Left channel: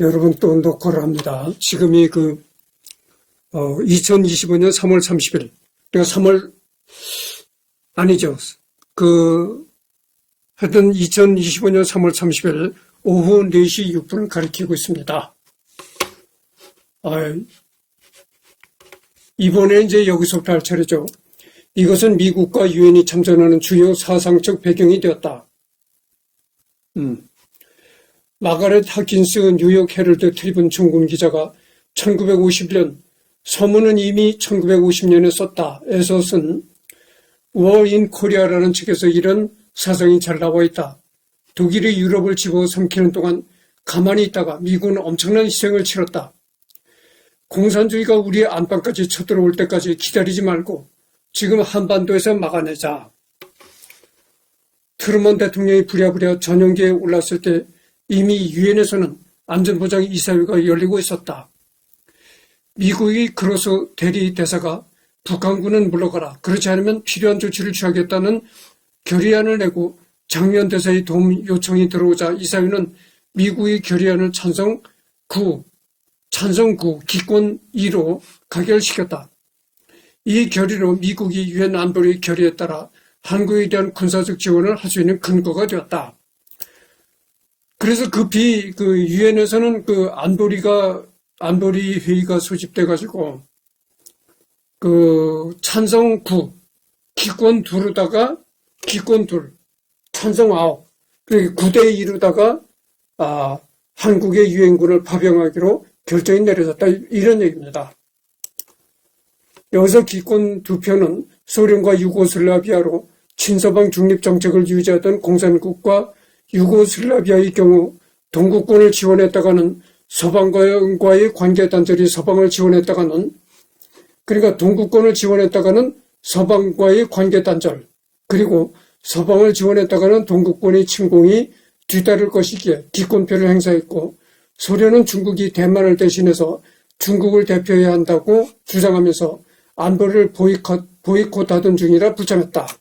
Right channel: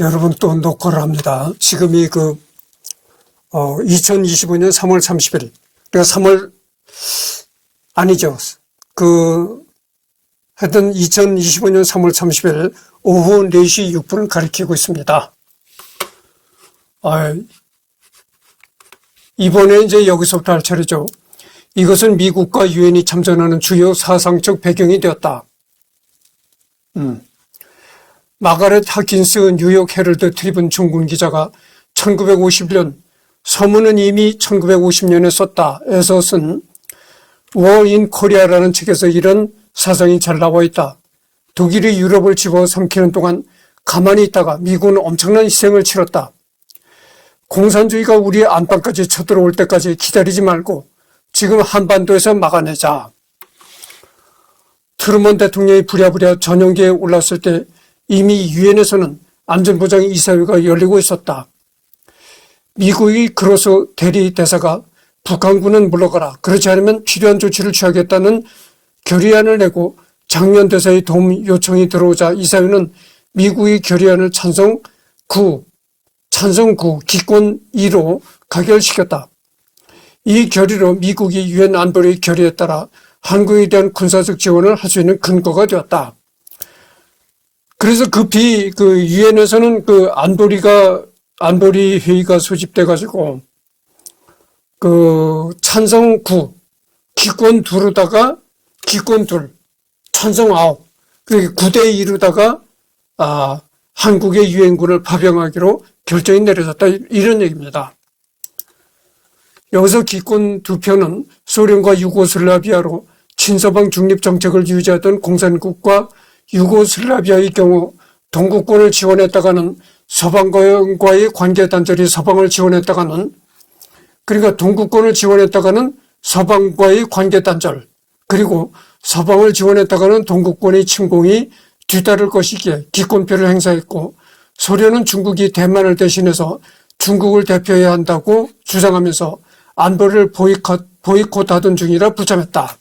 여러분 또 녹화를 합니다. 지금이 2025년 3월 30일. 그러니까 3월, 아니죠. 하여튼 2025년 3월 30일 오후 4시 6분을 가리키고 있습니다. 이번에 이제 여기서부터 할 차례죠. 이것은 미국과 유엔이 참전하는 주요 사상적 배경이 되었다. 마가렛 하킨스 뉴욕 헤럴드 트리븐 중군 기자가 1951년 서문은 이미 1950년에 썼다에서 쓴 War in Korea라는 책에서 이런 사상이 잘 나와 있다. 독일이 유럽을 집어삼키는 동안 가만히 있다가 미국은 엄청난 희생을 치렀다. 공산주의가 우리 안방까지 쳐들어올 때까지 기다리지 말고 지금 한반도에서 막아내자. 트루먼 대통령이 부랴부랴 전용기에 올랐을 때 이미 유엔에서는 안전보장 이사회가 열리고 있었다. 미국의 그로서 대리 대사가 북한군은 물러가라. 그렇지 않으면 필요한 조치를 취하겠다는 결의안을 내고 장면 대사의 도움 요청이 들어오자 이사회는 미국의 결의안을 찬성 9, 기권 2로 가결시켰다. 이 결의로 미국이 유엔 안보리 결의에 따라 한국에 대한 군사적 지원을 할 수 있는 근거가 되었다. 그래서 급히 유엔에서는 안보리 회의가 소집돼 가지고 찬성 9, 기권 2로다가 기권 2, 찬성 9, 9대 2로다가 한국의 유엔군을 파병하기로 결정이 내려졌다. 이런 얘기입니다. 여기서 기권 2표는 소련과 유고슬라비아로 친서방 중립 정책을 유지하던 공산국과 유고슬라비아의 경우 동구권을 지원했다가는 서방과의 관계 단절이 서방을 지원했다가는, 그러니까 동구권을 지원했다가는 서방과의 관계 단절, 그리고 서방을 지원했다가는 동구권의 침공이 뒤따를 것이기에 기권표를 행사했고, 소련은 중국이 대만을 대신해서 중국을 대표해야 한다고 주장하면서 안보를 보이콧하던 중이라 불참했다.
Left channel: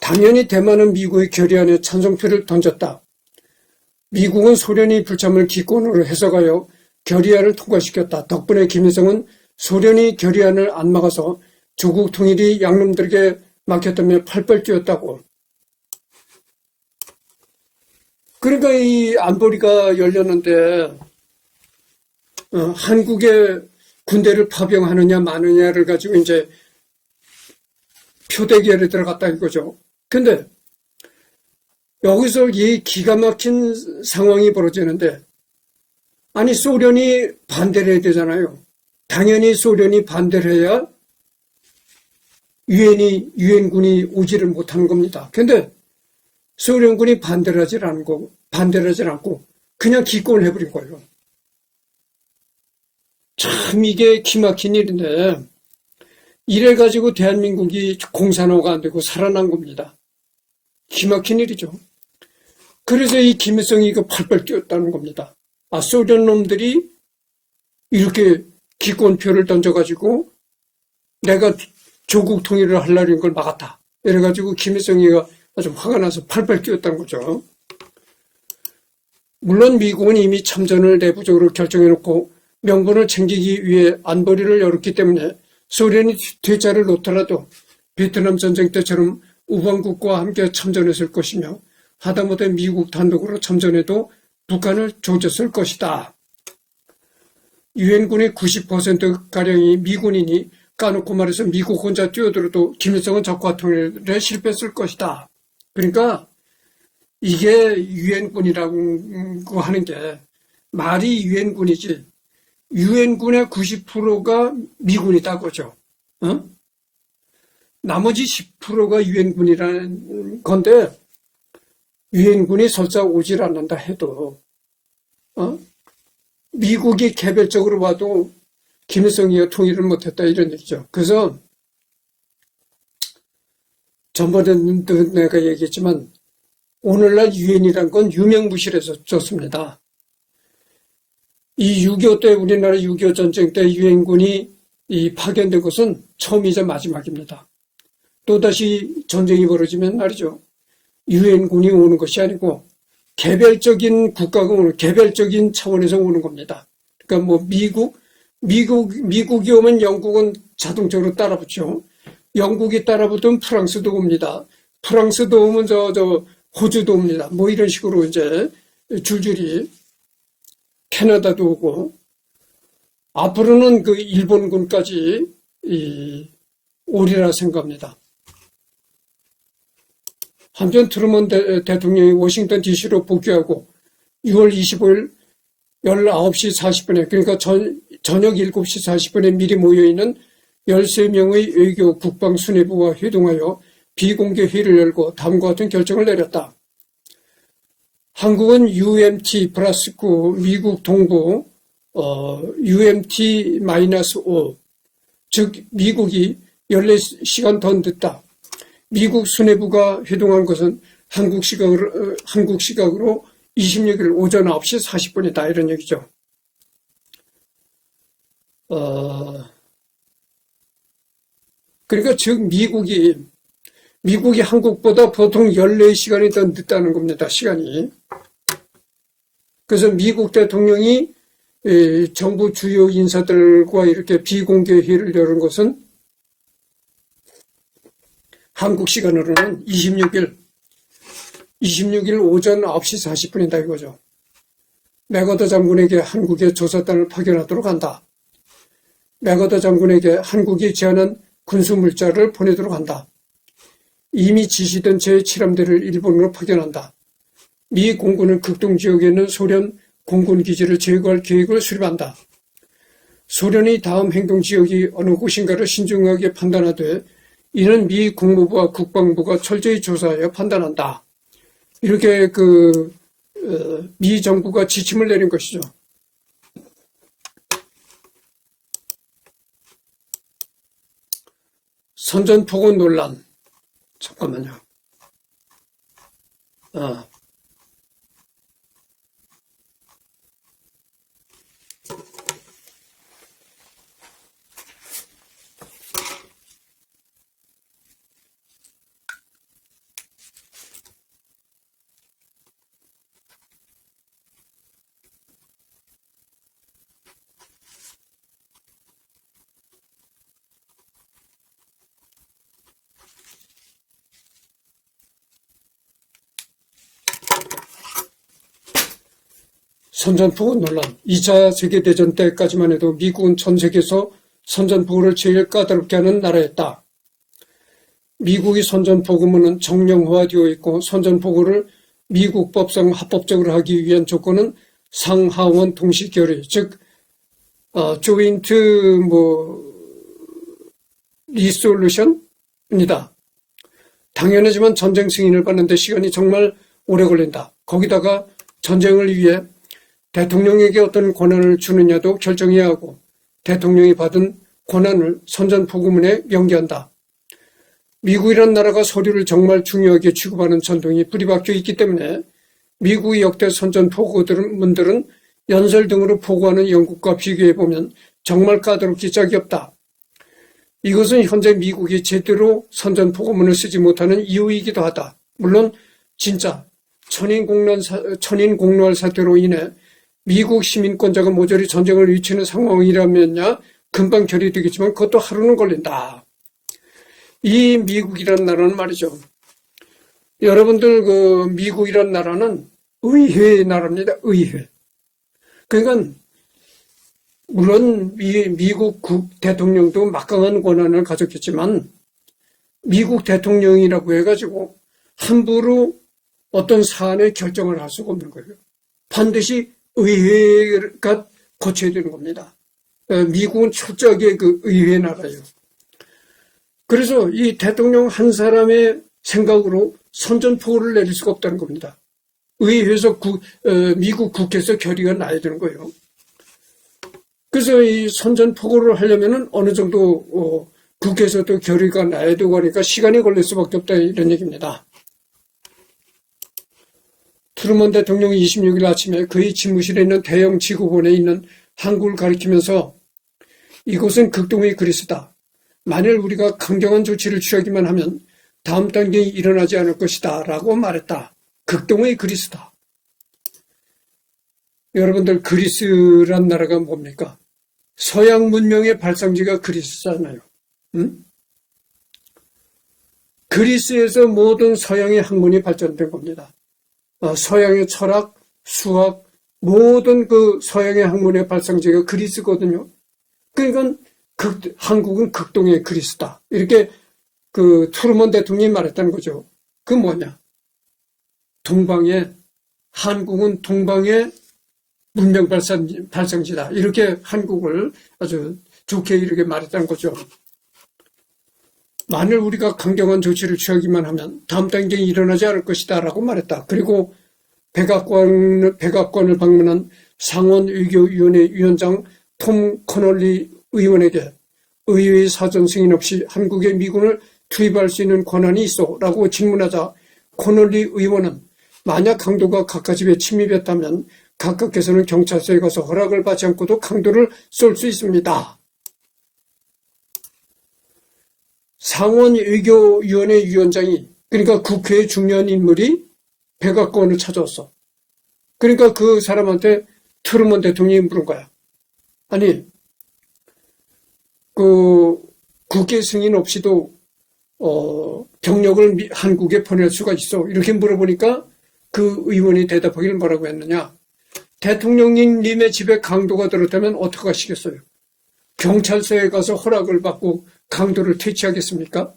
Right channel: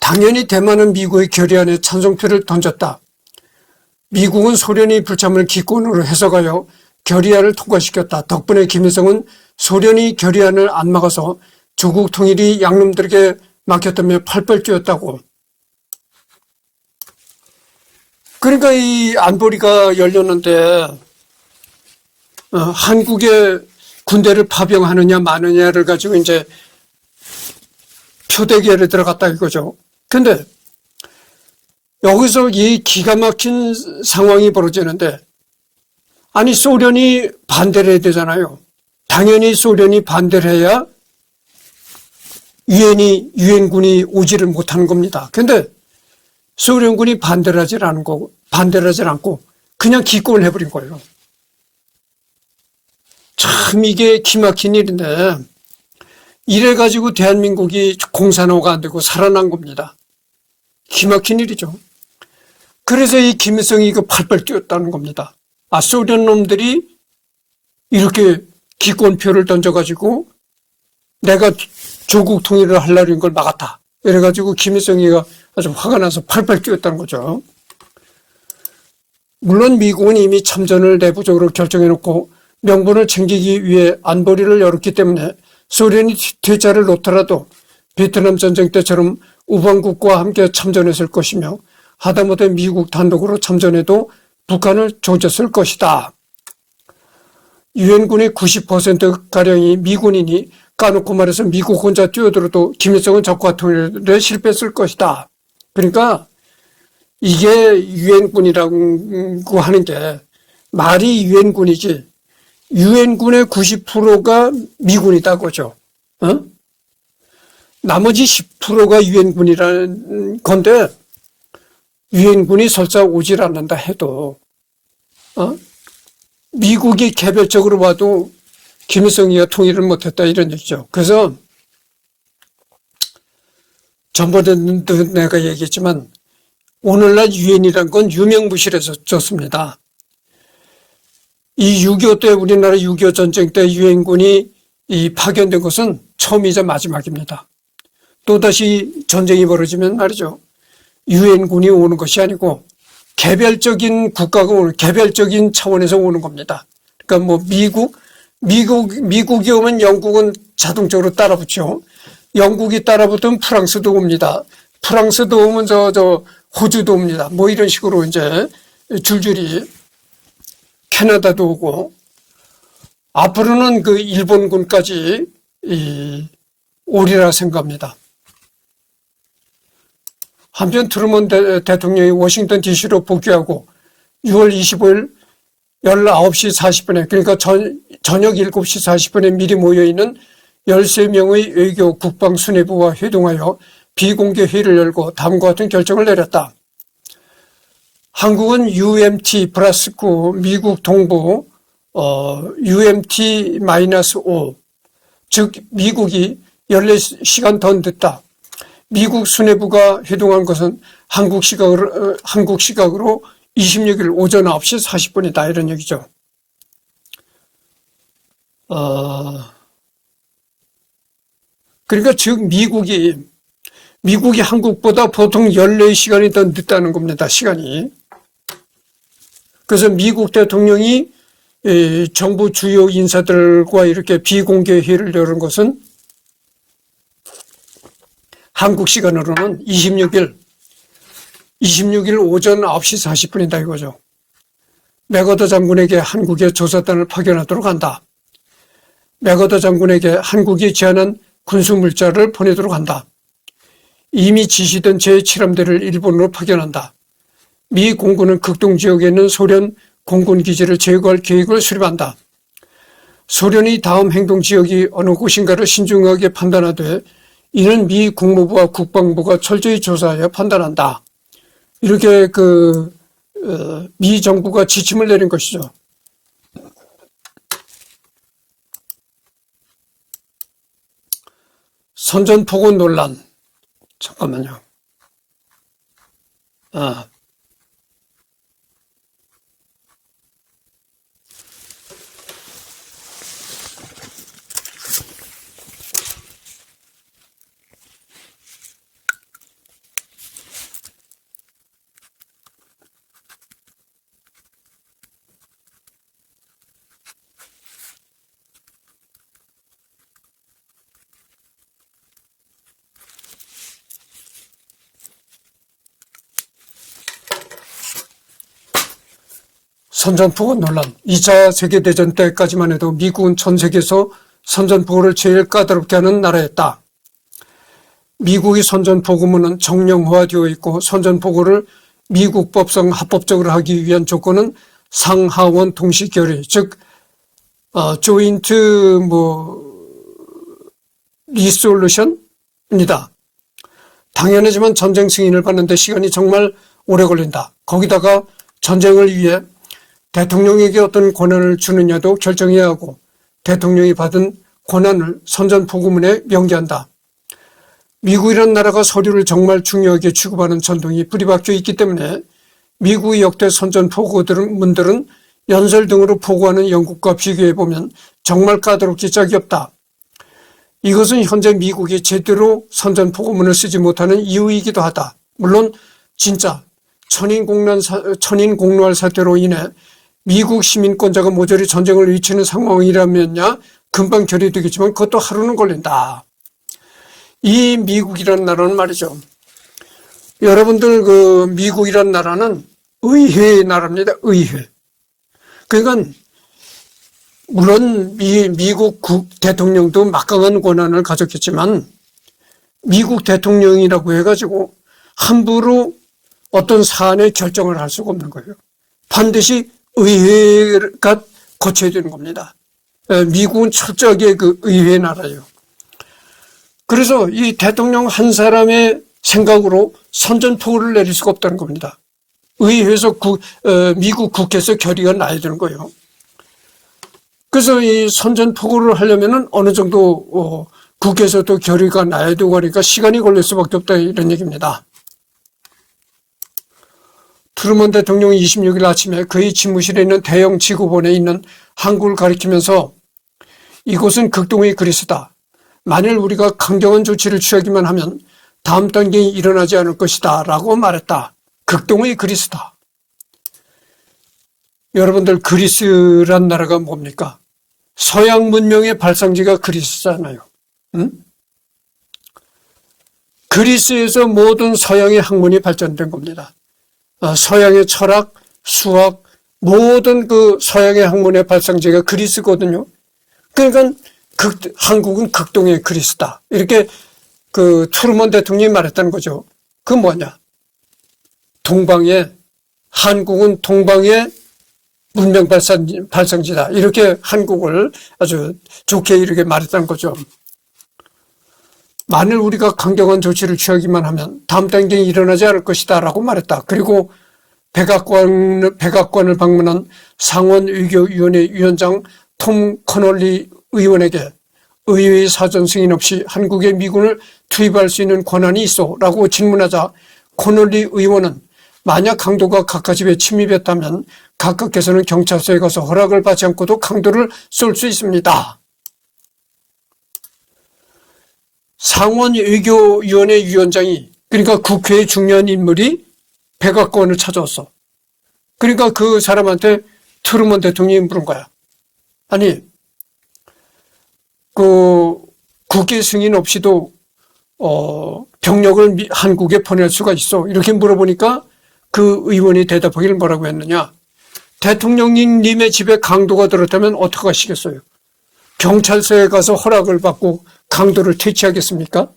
당연히 대만은 미국의 결의안에 찬성표를 던졌다. 미국은 소련이 불참을 기권으로 해석하여 결의안을 통과시켰다. 덕분에 김일성은 소련이 결의안을 안 막아서 조국 통일이 양놈들에게 막혔다며 팔벌 뛰었다고. 그러니까 이 안보리가 열렸는데 한국의 군대를 파병하느냐 마느냐를 가지고 이제 표대결에 들어갔다 이거죠. 근데 여기서 이 기가 막힌 상황이 벌어지는데, 아니 소련이 반대를 해야 되잖아요. 당연히 소련이 반대를 해야 유엔군이 오지를 못하는 겁니다. 근데 소련군이 반대를 하지 않고 그냥 기권을 해버린 거예요. 참 이게 기막힌 일인데, 이래가지고 대한민국이 공산화가 안 되고 살아난 겁니다. 기막힌 일이죠. 그래서 이 김일성이 팔벌 뛰었다는 겁니다. 소련 놈들이 이렇게 기권표를 던져가지고 내가 조국 통일을 하려는 걸 막았다. 이래가지고 김일성이가 아주 화가 나서 팔벌 뛰었다는 거죠. 물론 미국은 이미 참전을 내부적으로 결정해놓고 명분을 챙기기 위해 안보리를 열었기 때문에 소련이 퇴짜를 놓더라도 베트남 전쟁 때처럼 우방국과 함께 참전했을 것이며, 하다못해 미국 단독으로 참전해도 북한을 조졌을 것이다. 유엔군의 90%가량이 미군이니 까놓고 말해서 미국 혼자 뛰어들어도 김일성은 적과 통일에 실패했을 것이다. 그러니까 이게 유엔군이라고 하는 게 말이 유엔군이지 유엔군의 90%가 미군이다 그죠. 나머지 10%가 유엔군이라는 건데, 유엔군이 설사 오질 않는다 해도 미국이 개별적으로 봐도 김일성이가 통일을 못했다 이런 얘기죠. 그래서 전번에도 내가 얘기했지만 오늘날 유엔이란 건 유명무실해졌습니다. 이 6.25 때 우리나라 6.25 전쟁 때 유엔군이 파견된 것은 처음이자 마지막입니다. 또다시 전쟁이 벌어지면 말이죠. 유엔군이 오는 것이 아니고 개별적인 국가가 오는, 개별적인 차원에서 오는 겁니다. 그러니까 뭐 미국이 오면 영국은 자동적으로 따라붙죠. 영국이 따라붙으면 프랑스도 옵니다. 프랑스도 오면 호주도 옵니다. 뭐 이런 식으로 이제 줄줄이 캐나다도 오고, 앞으로는 그 일본군까지 오리라 생각합니다. 한편 트루먼 대통령이 워싱턴 DC로 복귀하고 6월 25일 19시 40분에, 그러니까 저녁 7시 40분에 미리 모여있는 13명의 외교 국방 수뇌부와 회동하여 비공개 회의를 열고 다음과 같은 결정을 내렸다. 한국은 UMT 플러스9, 미국 동부 UMT-5, 즉 미국이 14시간 더 늦다. 미국 수뇌부가 회동한 것은 한국 시각으로 26일 오전 9시 40분이다. 이런 얘기죠. 그러니까 즉 미국이 한국보다 보통 14시간이 더 늦다는 겁니다. 시간이. 그래서 미국 대통령이 정부 주요 인사들과 이렇게 비공개 회의를 열은 것은 한국 시간으로는 26일 오전 9시 40분이다 이거죠. 맥어더 장군에게 한국에 조사단을 파견하도록 한다. 맥어더 장군에게 한국이 제안한 군수물자를 보내도록 한다. 이미 지시된 제7함대를 일본으로 파견한다. 미 공군은 극동지역에 있는 소련 공군기지를 제거할 계획을 수립한다. 소련이 다음 행동지역이 어느 곳인가를 신중하게 판단하되 이는 미 국무부와 국방부가 철저히 조사하여 판단한다. 이렇게 미 정부가 지침을 내린 것이죠. 선전포고 논란. 잠깐만요. 선전포고 논란. 2차 세계대전 때까지만 해도 미국은 전 세계에서 선전포고를 제일 까다롭게 하는 나라였다. 미국의 선전포고문은 정령화되어 있고 선전포고를 미국 법상 합법적으로 하기 위한 조건은 상하원 동시 결의, 즉 조인트 리솔루션입니다. 당연하지만 전쟁 승인을 받는데 시간이 정말 오래 걸린다. 거기다가 전쟁을 위해 대통령에게 어떤 권한을 주느냐도 결정해야 하고 대통령이 받은 권한을 선전포고문에 명기한다. 미국이라는 나라가 서류를 정말 중요하게 취급하는 전통이 뿌리 박혀 있기 때문에 미국의 역대 선전포고문들은 연설 등으로 포고하는 영국과 비교해보면 정말 까다롭기 짝이 없다. 이것은 현재 미국이 제대로 선전포고문을 쓰지 못하는 이유이기도 하다. 물론 진짜 천인공노할 사태로 인해 미국 시민권자가 모조리 전쟁을 위치는 상황이라면야 금방 결의되겠지만 그것도 하루는 걸린다. 이 미국이라는 나라는 말이죠. 여러분들 미국이라는 나라는 의회의 나라입니다. 의회. 그러니까 물론 미국 대통령도 막강한 권한을 가졌겠지만 미국 대통령이라고 해가지고 함부로 어떤 사안의 결정을 할 수가 없는 거예요. 반드시 의회가 거쳐야 되는 겁니다. 미국은 철저하게 의회 나라예요. 그래서 이 대통령 한 사람의 생각으로 선전포고를 내릴 수가 없다는 겁니다. 의회에서 미국 국회에서 결의가 나야 되는 거예요. 그래서 이 선전포고를 하려면은 어느 정도 국회에서도 결의가 나야 되고 하니까 시간이 걸릴 수밖에 없다 이런 얘기입니다. 트루먼 대통령이 26일 아침에 그의 집무실에 있는 대형 지구본에 있는 한국을 가리키면서 이곳은 극동의 그리스다. 만일 우리가 강경한 조치를 취하기만 하면 다음 단계에 일어나지 않을 것이다 라고 말했다. 극동의 그리스다. 여러분들, 그리스란 나라가 뭡니까? 서양 문명의 발상지가 그리스잖아요. 응? 그리스에서 모든 서양의 학문이 발전된 겁니다. 서양의 철학, 수학, 모든 그 서양의 학문의 발상지가 그리스거든요. 그러니까 한국은 극동의 그리스다. 이렇게 그 트루먼 대통령이 말했다는 거죠. 그 뭐냐? 한국은 동방의 문명 발상지다. 이렇게 한국을 아주 좋게 이렇게 말했다는 거죠. 만일 우리가 강경한 조치를 취하기만 하면 다음 단계에 일어나지 않을 것이다 라고 말했다. 그리고 백악관을 방문한 상원의교위원회 위원장 톰 커널리 의원에게 의회의 사전 승인 없이 한국에 미군을 투입할 수 있는 권한이 있어 라고 질문하자 커널리 의원은 만약 강도가 각하 집에 침입했다면 각각께서는 경찰서에 가서 허락을 받지 않고도 강도를 쏠 수 있습니다. 상원외교위원회 위원장이, 그러니까 국회의 중요한 인물이 백악관을 찾아왔어. 그러니까 그 사람한테 트루먼 대통령이 물은 거야. 아니, 그 국회 승인 없이도 병력을 한국에 보낼 수가 있어. 이렇게 물어보니까 그 의원이 대답하기를 뭐라고 했느냐. 대통령님의 집에 강도가 들었다면 어떻게 하시겠어요? 경찰서에 가서 허락을 받고 강도를 퇴치하겠습니까?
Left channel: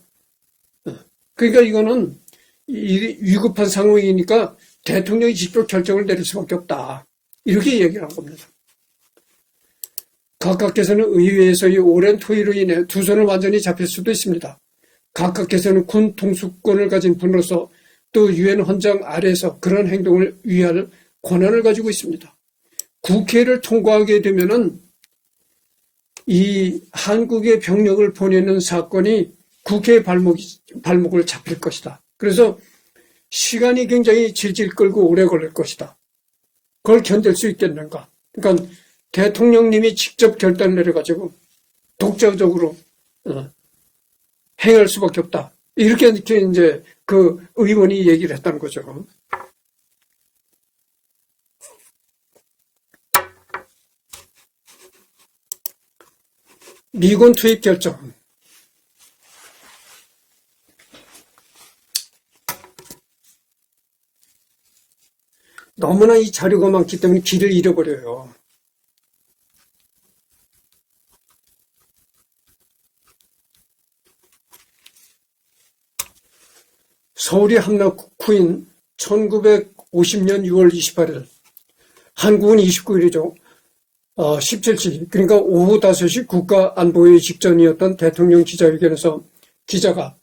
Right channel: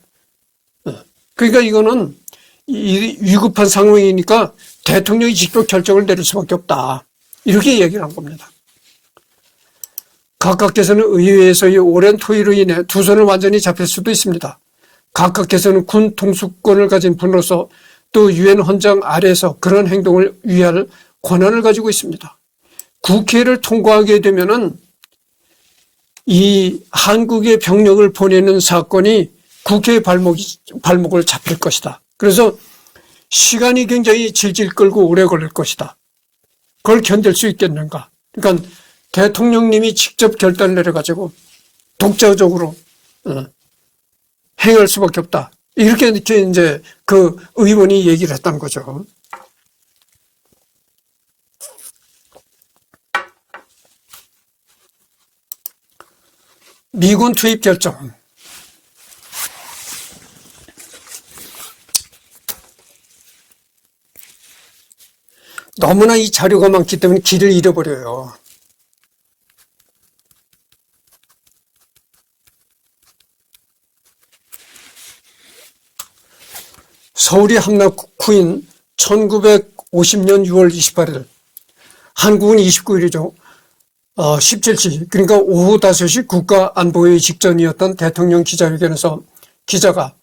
그러니까 이거는 위급한 상황이니까 대통령이 직접 결정을 내릴 수밖에 없다. 이렇게 얘기를 한 겁니다. 각각께서는 의회에서의 오랜 토의로 인해 두 손을 완전히 잡힐 수도 있습니다. 각각께서는 군 통수권을 가진 분으로서 또 유엔 헌장 아래에서 그런 행동을 위할 권한을 가지고 있습니다. 국회를 통과하게 되면은 이 한국의 병력을 보내는 사건이 국회의 발목을 잡힐 것이다. 그래서 시간이 굉장히 질질 끌고 오래 걸릴 것이다. 그걸 견딜 수 있겠는가? 그러니까 대통령님이 직접 결단을 내려가지고 독자적으로 행할 수밖에 없다. 이렇게 이제 그 의원이 얘기를 했다는 거죠. 미군 투입 결정. 너무나 이 자료가 많기 때문에 길을 잃어버려요. 서울이 함락 후인 1950년 6월 28일, 한국은 29일이죠. 17시, 그러니까 오후 5시 국가안보회의 직전이었던 대통령 기자회견에서 기자가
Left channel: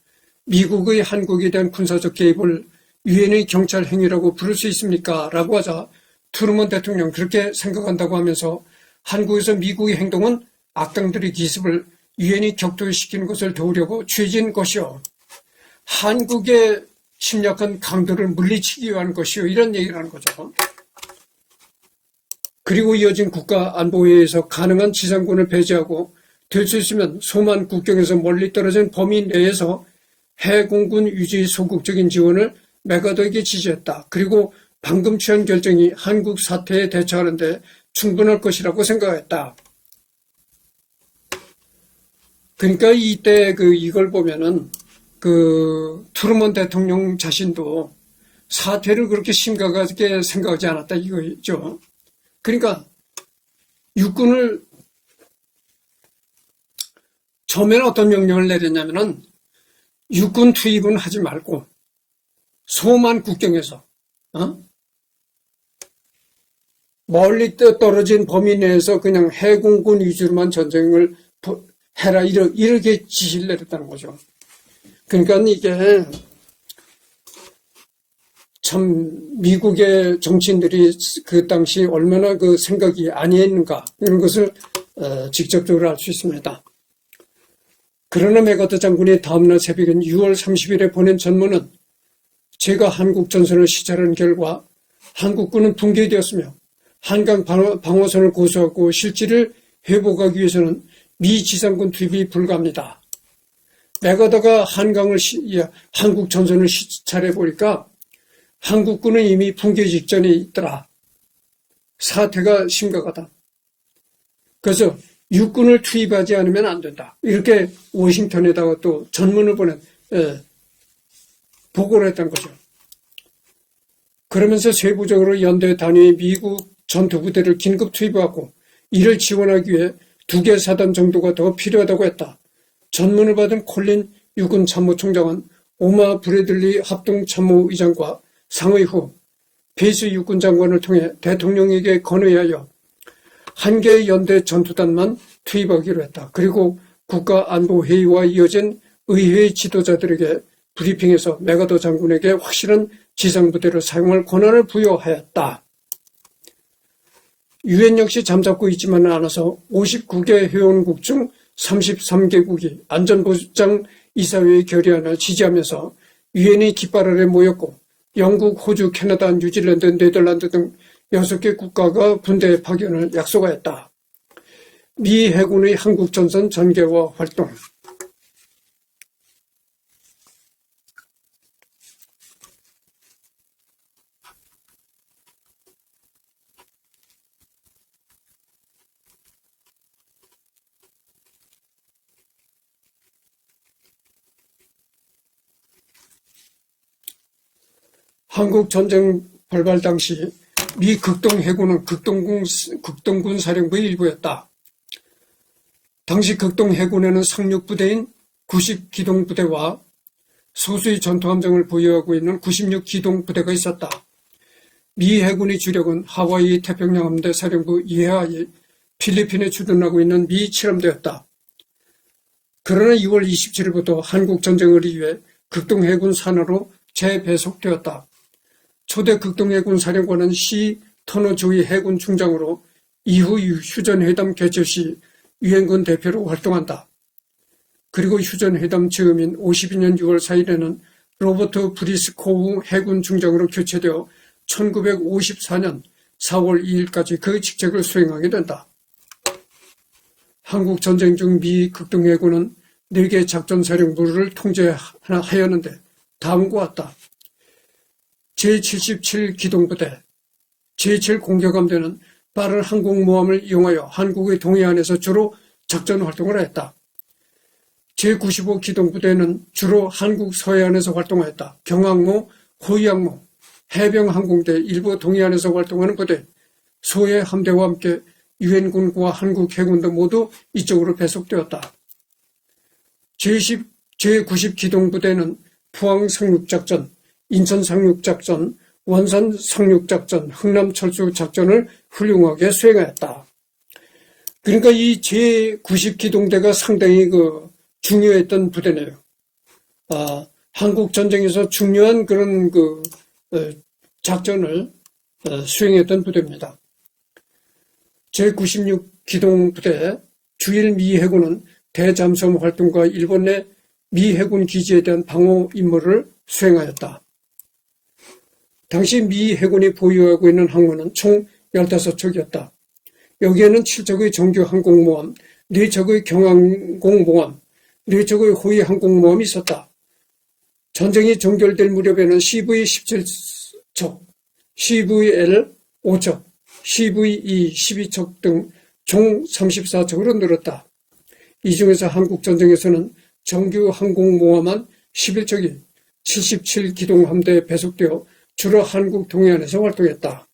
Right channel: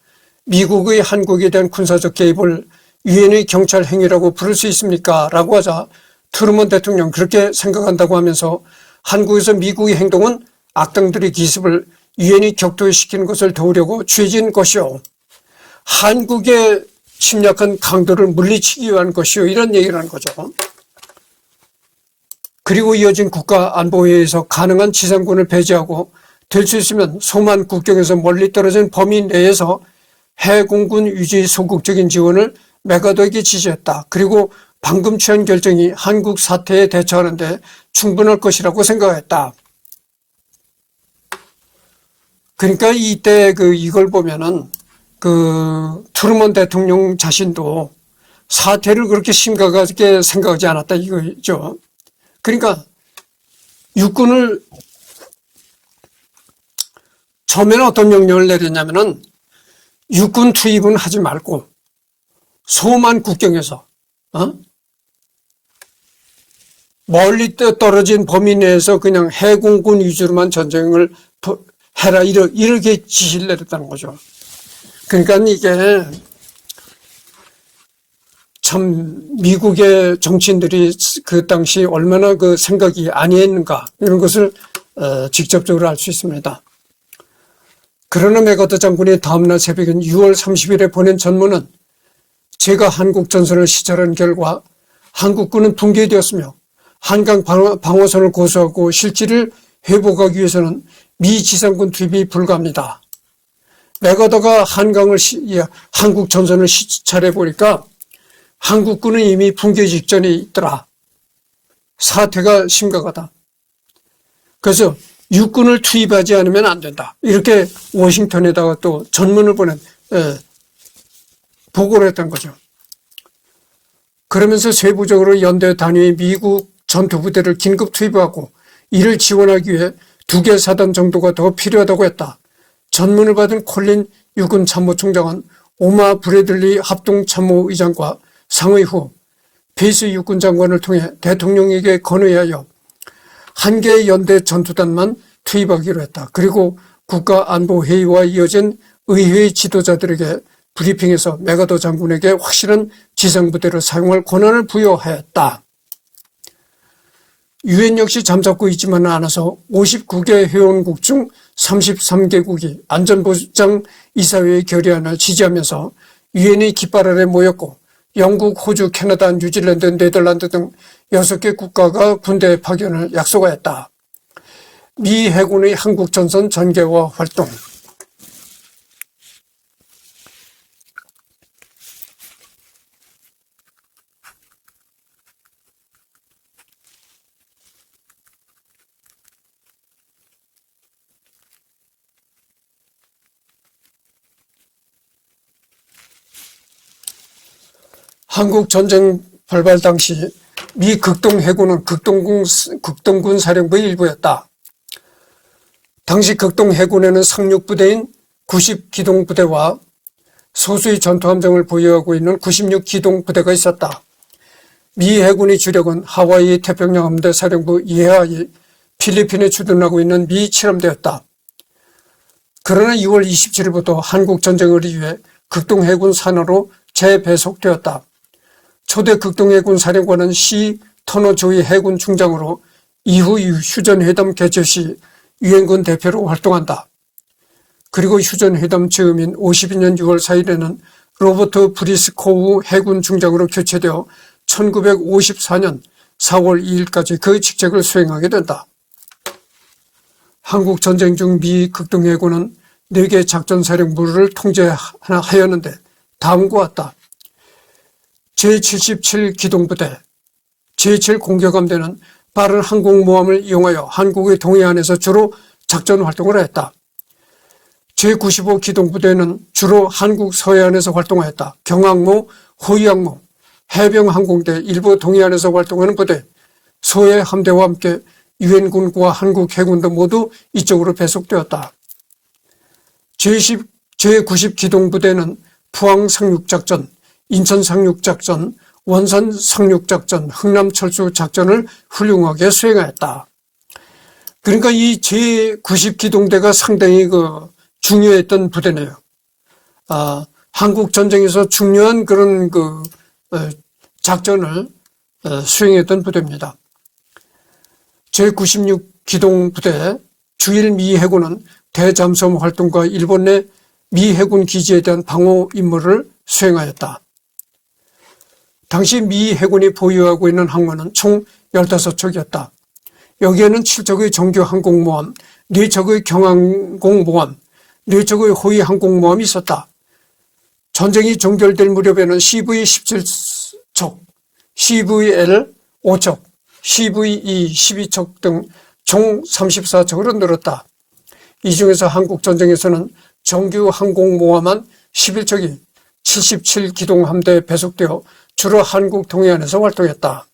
미국의 한국에 대한 군사적 개입을 유엔의 경찰 행위라고 부를 수 있습니까? 라고 하자 트루먼 대통령 그렇게 생각한다고 하면서 한국에서 미국의 행동은 악당들의 기습을 유엔이 격퇴시키는 것을 도우려고 취해진 것이요. 한국의 침략한 강도를 물리치기 위한 것이요. 이런 얘기를 하는 거죠. 그리고 이어진 국가안보회의에서 가능한 지상군을 배제하고 될 수 있으면 소만 국경에서 멀리 떨어진 범위 내에서 해공군 유지 소극적인 지원을 메가더에게 지시했다. 그리고 방금 취한 결정이 한국 사태에 대처하는 데 충분할 것이라고 생각했다. 그러니까 이때 이걸 보면은 트루먼 대통령 자신도 사태를 그렇게 심각하게 생각하지 않았다 이거죠. 그러니까 육군을 처음에는 어떤 명령을 내렸냐면은 육군 투입은 하지 말고 소만 국경에서 멀리 떨어진 범위 내에서 그냥 해공군 위주로만 전쟁을 해라 이렇게 지시를 내렸다는 거죠. 그러니까 이게 참 미국의 정치인들이 그 당시 얼마나 생각이 아니했는가 이런 것을 직접적으로 알 수 있습니다. 그러나 메가더 장군이 다음날 새벽인 6월 30일에 보낸 전문은 제가 한국 전선을 시찰한 결과 한국군은 붕괴되었으며 한강 방어선을 고수하고 실지를 회복하기 위해서는 미 지상군 투입이 불가합니다. 메가더가 한국 전선을 시찰해 보니까 한국군은 이미 붕괴 직전에 있더라. 사태가 심각하다. 그래서 육군을 투입하지 않으면 안 된다. 이렇게 워싱턴에다가 또 전문을 보낸 보고를 했던 거죠. 그러면서 세부적으로 연대 단위의 미국 전투부대를 긴급 투입하고 이를 지원하기 위해 2개 사단 정도가 더 필요하다고 했다. 전문을 받은 콜린 육군 참모총장은 오마 브래들리 합동참모의장과 상의 후 페이스 육군 장관을 통해 대통령에게 건의하여 1개의 연대 전투단만 투입하기로 했다. 그리고 국가안보회의와 이어진 의회의 지도자들에게 브리핑에서 메가더 장군에게 확실한 지상부대를 사용할 권한을 부여하였다. 유엔 역시 잠자코 있지만은 않아서 59개 회원국 중 33개국이 안전보장 이사회의 결의안을 지지하면서 유엔의 깃발 아래 모였고 영국, 호주, 캐나다, 뉴질랜드, 네덜란드 등 6개 국가가 군대 파견을 약속하였다. 미 해군의 한국 전선 전개와 활동. 한국 전쟁 발발 당시 미 극동 해군은 극동군 사령부의 일부였다. 당시 극동 해군에는 상륙부대인 90기동부대와 소수의 전투함정을 보유하고 있는 96기동부대가 있었다. 미 해군의 주력은 하와이 태평양 함대 사령부 이하의 필리핀에 주둔하고 있는 미 칠함대였다. 그러나 2월 27일부터 한국 전쟁을 위해 극동 해군 산하로 재배속되었다. 초대 극동해군 사령관은 C. 터너 조이 해군 중장으로 이후 휴전회담 개최 시 유엔군 대표로 활동한다. 그리고 휴전회담 즈음인 52년 6월 4일에는 로버트 브리스코우 해군 중장으로 교체되어 1954년 4월 2일까지 그 직책을 수행하게 된다. 한국 전쟁 중 미 극동해군은 4개 작전사령부를 통제하였는데 다음과 같다. 제77기동부대, 제7공격함대는 빠른 항공모함을 이용하여 한국의 동해안에서 주로 작전활동을 했다. 제95기동부대는 주로 한국 서해안에서 활동하였다. 경항모, 호위항모, 해병항공대, 일부 동해안에서 활동하는 부대, 소해 함대와 함께 유엔군과 한국 해군도 모두 이쪽으로 배속되었다. 제90기동부대는 포항 상륙작전, 인천 상륙작전, 원산 상륙작전, 흥남철수 작전을 훌륭하게 수행하였다. 그러니까 이 제90기동대가 상당히 중요했던 부대네요. 한국 전쟁에서 중요한 그런 작전을 수행했던 부대입니다. 제96기동부대 주일 미 해군은 대잠수함 활동과 일본 내 미 해군 기지에 대한 방어 임무를 수행하였다. 당시 미 해군이 보유하고 있는 항모는 총 15척이었다. 여기에는 7척의 정규 항공모함, 4척의 경항공모함, 4척의 호위 항공모함이 있었다. 전쟁이 종결될 무렵에는 CV-17척, CVL 5척, CVE 12척 등 총 34척으로 늘었다. 이 중에서 한국 전쟁에서는 정규 항공모함만 11척이 77기동 함대에 배속되어 주로 한국 동해안에서 활동했다.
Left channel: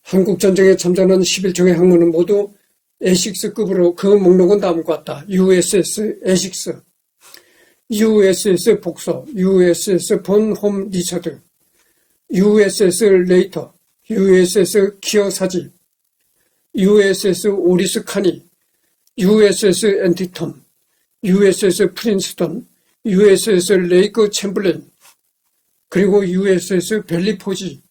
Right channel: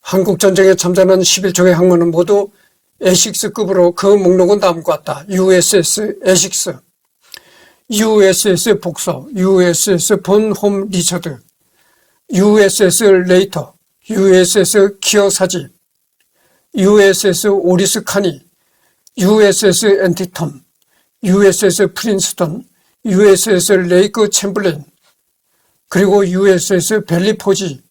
한국 전쟁에 참전한 11척의 항모는 모두 에식스급으로 그 목록은 다음과 같다. USS 에식스, USS 복서, USS 본홈 리처드, USS 레이터, USS 키어사지, USS 오리스 카니, USS 앤티턴, USS 프린스턴, USS 레이크 챔블린, 그리고 USS 벨리포지,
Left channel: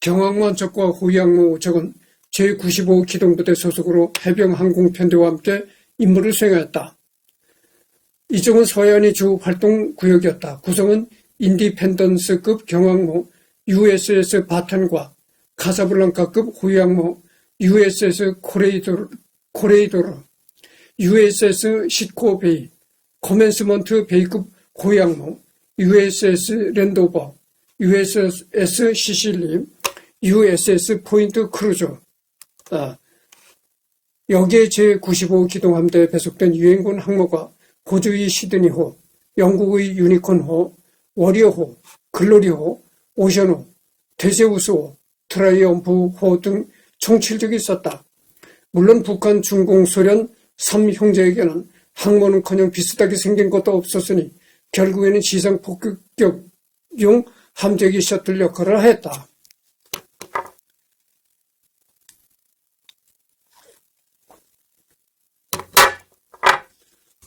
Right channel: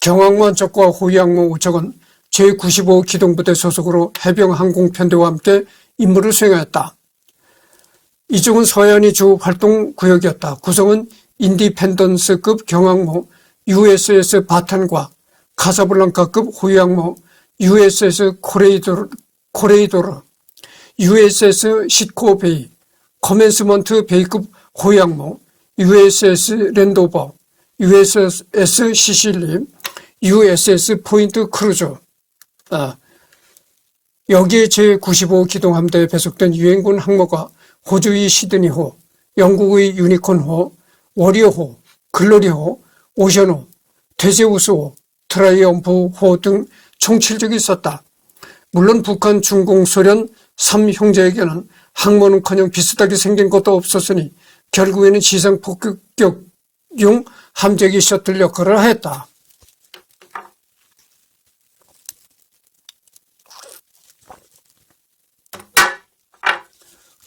경항모 한 척과 호위항모 5척은 제95기동부대 소속으로 해병항공편대와 함께 임무를 수행하였다. 이쪽은 서해안이 주 활동 구역이었다. 구성은 인디펜던스급 경항모 USS 바탄과 카사블랑카급 호위항모 USS 코레이도르, USS 시코베이, 커맨스먼트 베이급 호위항모 USS 랜도버, USS 시실리, USS 포인트 크루저. 여기에 제95 기동함대에 배속된 유엔군 항모가 호주의 시드니호, 영국의 유니콘호, 워리어호, 글로리호, 오션호, 테제우스호, 트라이엄프호 등 총 7척이 있었다. 물론 북한, 중공, 소련 3형제에게는 항모는커녕 비슷하게 생긴 것도 없었으니 결국에는 지상 폭격용 함재기 셔틀 역할을 하였다.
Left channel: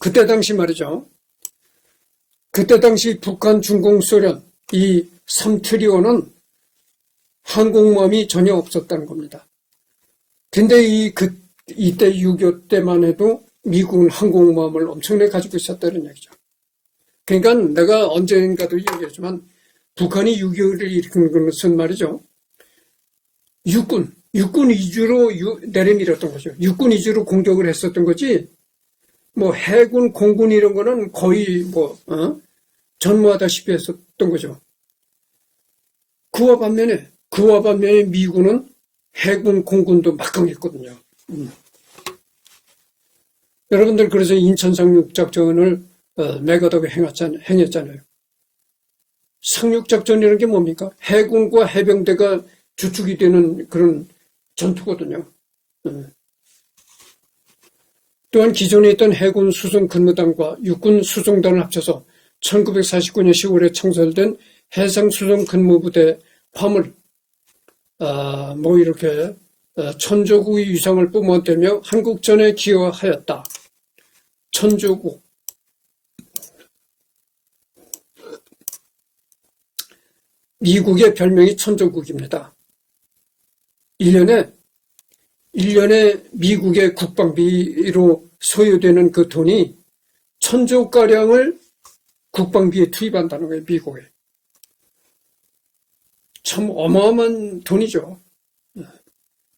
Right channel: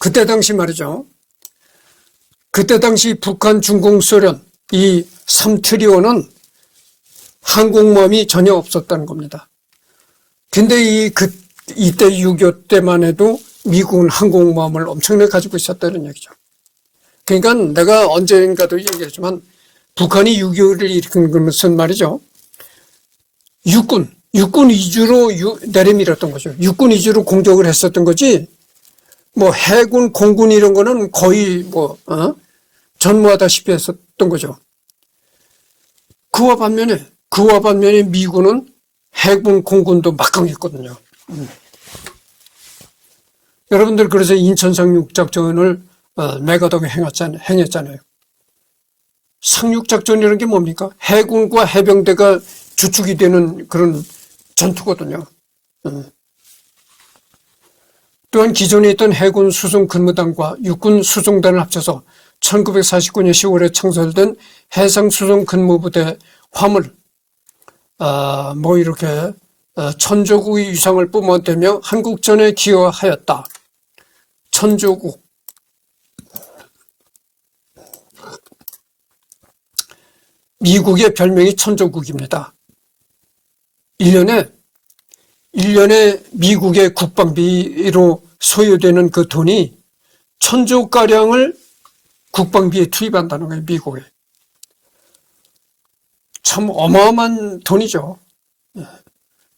그때 당시 말이죠. 그때 당시 북한, 중공, 소련 이 3트리오는 항공모함이 전혀 없었다는 겁니다. 근데 이때 6.25 때만 해도 미국은 항공모함을 엄청나게 가지고 있었다는 얘기죠. 그러니까 내가 언젠가도 얘기했지만 북한이 6.25를 일으킨 것은 말이죠. 육군 위주로 내려밀었던 거죠. 육군 위주로 공격을 했었던 거지. 뭐 해군, 공군 이런 거는 거의 전무하다시피 했었던 거죠. 그와 반면에 미군은 해군, 공군도 막강했거든요. 여러분들 그래서 인천 상륙작전을 메가덕에 행했잖아요. 상륙작전이라는 게 뭡니까? 해군과 해병대가 주축이 되는 그런 전투거든요. 또한 기존에 있던 해군 수송 근무단과 육군 수송단을 합쳐서 1949년 10월에 창설된 해상 수송 근무부대 화물 이렇게 천조국의 위상을 뿜어대며 한국전에 기여하였다. 천조국. 미국의 별명이 천조국입니다. 1년에 미국의 국방비로 소요되는 그 돈이 1,000조가량을 국방비에 투입한다는 거예요, 미국에. 참 어마어마한 돈이죠.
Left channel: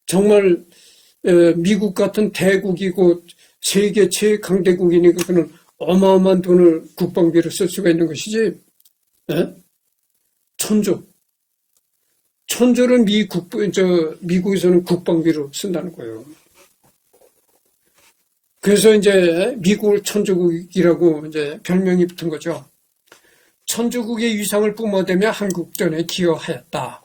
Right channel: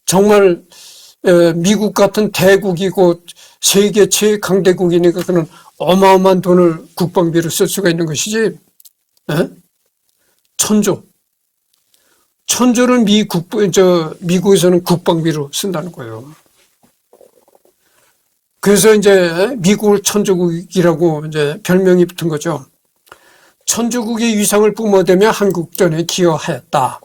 정말 미국 같은 대국이고 세계 최강대국이니까 그는 어마어마한 돈을 국방비로 쓸 수가 있는 것이지. 1,000조. 1,000조를 미국에서는 국방비로 쓴다는 거예요. 그래서 이제 미국을 천조국이라고 이제 별명이 붙은 거죠. 천조국의 위상을 뿜어대며 한국전에 기여하였다.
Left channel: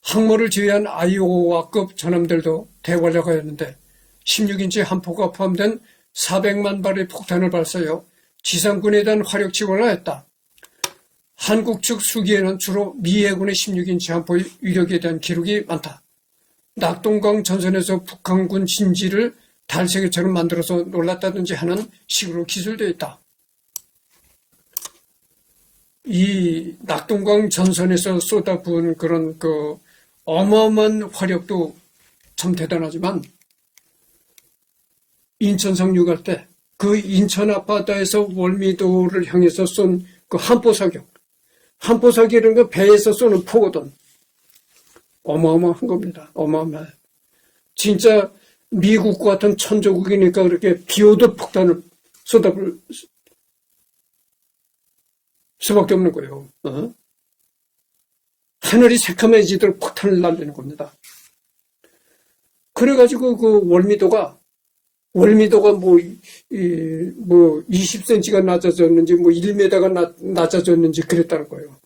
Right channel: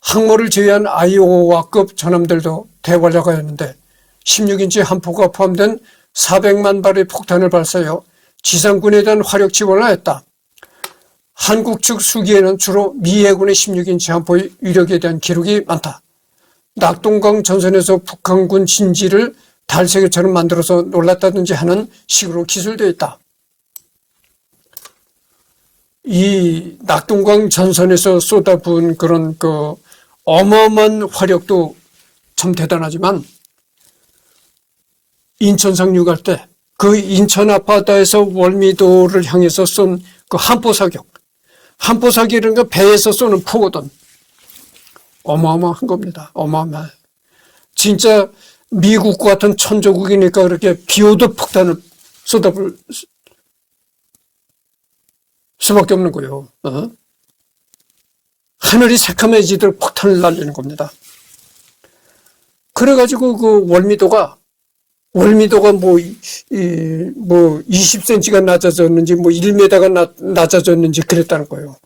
항모를 제외한 아이오와급 전함들도 대활약하였는데 16인치 함포가 포함된 400만 발의 폭탄을 발사하여 지상군에 대한 화력 지원을 하였다. 한국 측 수기에는 주로 미 해군의 16인치 함포의 위력에 대한 기록이 많다. 낙동강 전선에서 북한군 진지를 달세계처럼 만들어서 놀랐다든지 하는 식으로 기술되어 있다. 이 낙동강 전선에서 쏟아부은 그런 어마어마한 화력도 참 대단하지만 인천 상륙할 때 그 인천 앞바다에서 월미도를 향해서 쏜 그 함포사격이라는 거 배에서 쏘는 포거든. 어마어마한 겁니다. 어마어마해. 진짜 미국과 같은 천조국이니까 그렇게 비오듯 폭탄을 쏟아볼 수밖에 없는 거예요. 하늘이 새카매지도록 폭탄을 날리는 겁니다. 그래가지고 그 월미도가 20cm가 낮아졌는지 1m가 낮아졌는지 그랬다는 거예요.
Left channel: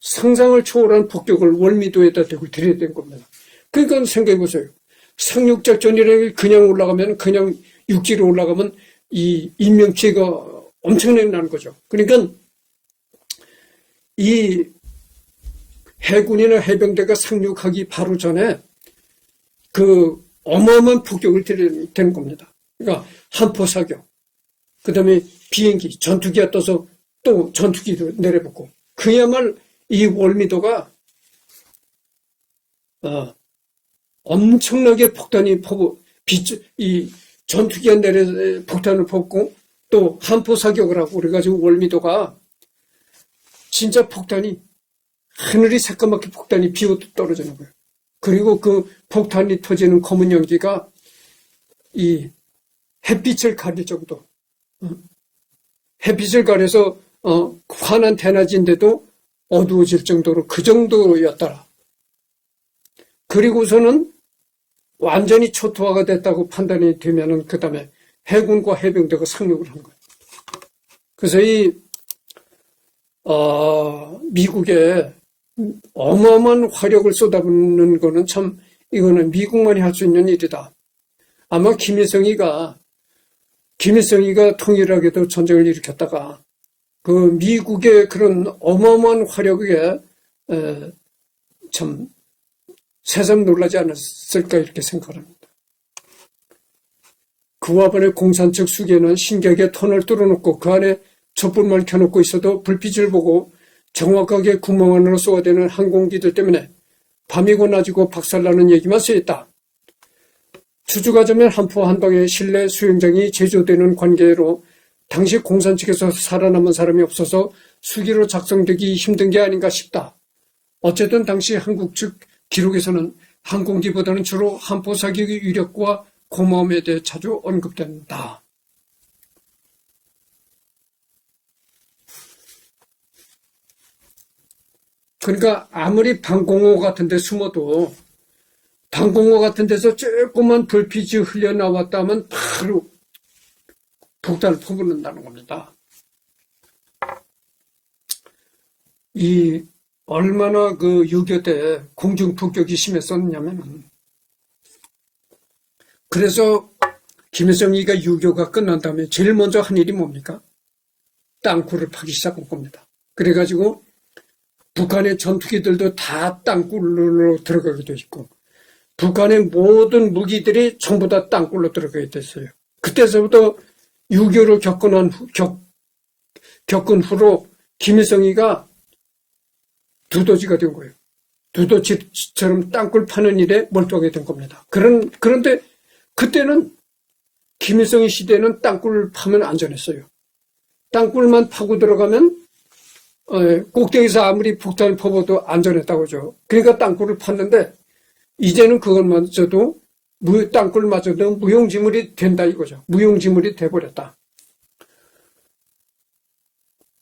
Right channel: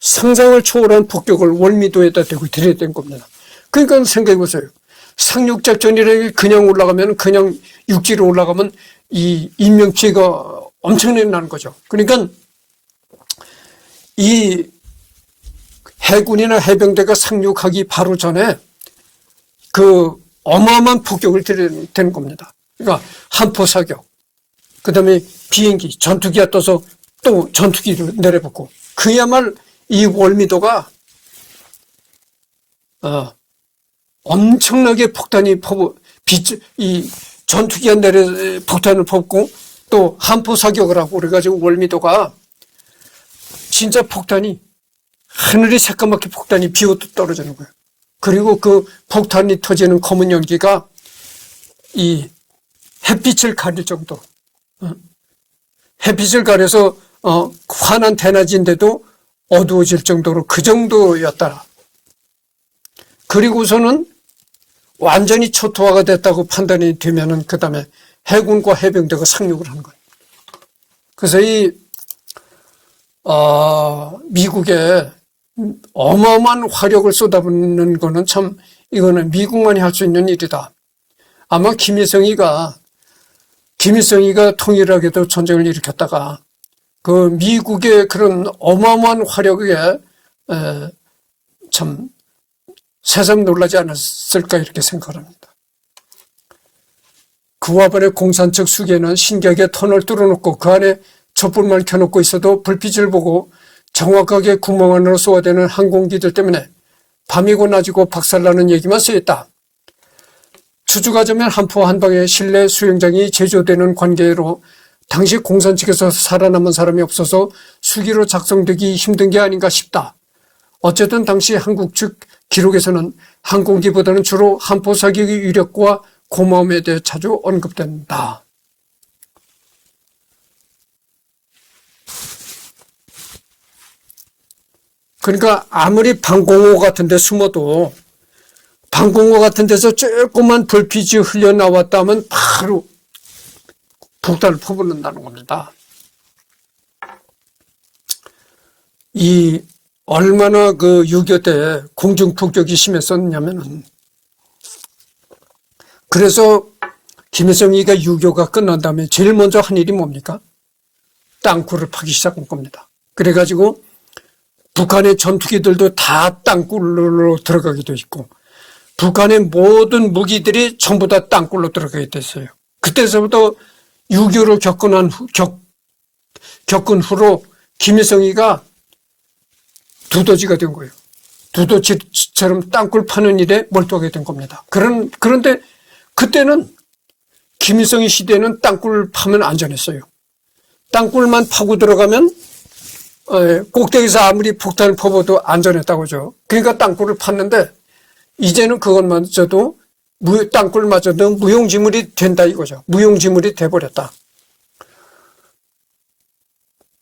상상을 초월한 폭격을 월미도에다 대고 들여댄 겁니다. 그러니까 생각해 보세요. 상륙작전이라는 게 그냥 올라가면 그냥 육지로 올라가면 이 인명피해가 엄청나게 나는 거죠. 그러니까 이 해군이나 해병대가 상륙하기 바로 전에 그 어마어마한 폭격을 들여댄 겁니다. 그러니까 함포 사격, 그 다음에 비행기, 전투기가 떠서 또 전투기를 내려붙고, 그야말로 이 월미도가 엄청나게 폭탄이 이 전투기가 폭탄을 퍼붓고 또 함포 사격을 하고 그래가지고 월미도가 진짜 폭탄이 하늘이 새까맣게 폭탄이 비오듯 떨어지는 거예요. 그리고 그 폭탄이 터지는 검은 연기가 이 햇빛을 가릴 정도, 햇빛을 가려서 환한 대낮인데도 어두워질 정도로 그 정도였다. 그리고서는 완전히 초토화가 됐다고 판단이 되면은 그 다음에 해군과 해병대가 상륙을 하는 거예요. 그래서 이 미국의 어마어마한 화력을 쏟아붓는 거는 참 이거는 미국만이 할 수 있는 일이다. 아마 김일성이가 통일하게도 전쟁을 일으켰다가 그 미국의 그런 어마어마한 화력에 참 새삼 놀라지 않았을까 이렇게 생각합니다. 그와 반해 공산 측 수계는 신기하게 터널 뚫어놓고 그 안에 촛불만 켜놓고 있어도 불빛을 보고 정확하게 구멍 안으로 쏘아대는 항공기들 때문에 밤이고 낮이고 박살나는 얘기만 쓰였다. 추주가자면 한포 한방에 실내 수영장이 제조되는 관계로 당시 공산 측에서 살아남은 사람이 없어서 수기로 작성되기 힘든 게 아닌가 싶다. 어쨌든 당시 한국 측 기록에서는 항공기보다는 주로 한포 사격의 위력과 고마움에 대해 자주 언급된다. 그러니까 아무리 방공호 같은 데 숨어도 방공호 같은 데서 조그만 불빛이 흘러나왔다면 바로 폭탄을 퍼붓는다는 겁니다. 이 얼마나 그 6.25 때 공중 폭격이 심했었냐면은 그래서 김일성이가 6.25가 끝난 다음에 제일 먼저 한 일이 뭡니까? 땅굴을 파기 시작한 겁니다. 그래가지고 북한의 전투기들도 다 땅굴로 들어가기도 있고 북한의 모든 무기들이 전부 다 땅굴로 들어가게 됐어요. 그때서부터 6.25를 겪은 후로 김일성이가 두더지가 된 거예요. 두더지처럼 땅굴 파는 일에 몰두하게 된 겁니다. 그런데 그때는 김일성의 시대는 땅굴 파면 안전했어요. 땅굴만 파고 들어가면 꼭대기에서 아무리 폭탄을 퍼부어도 안전했다고 하죠. 그러니까 땅굴을 팠는데 이제는 그것마저도 땅굴마저도 무용지물이 된다 이거죠. 무용지물이 돼버렸다.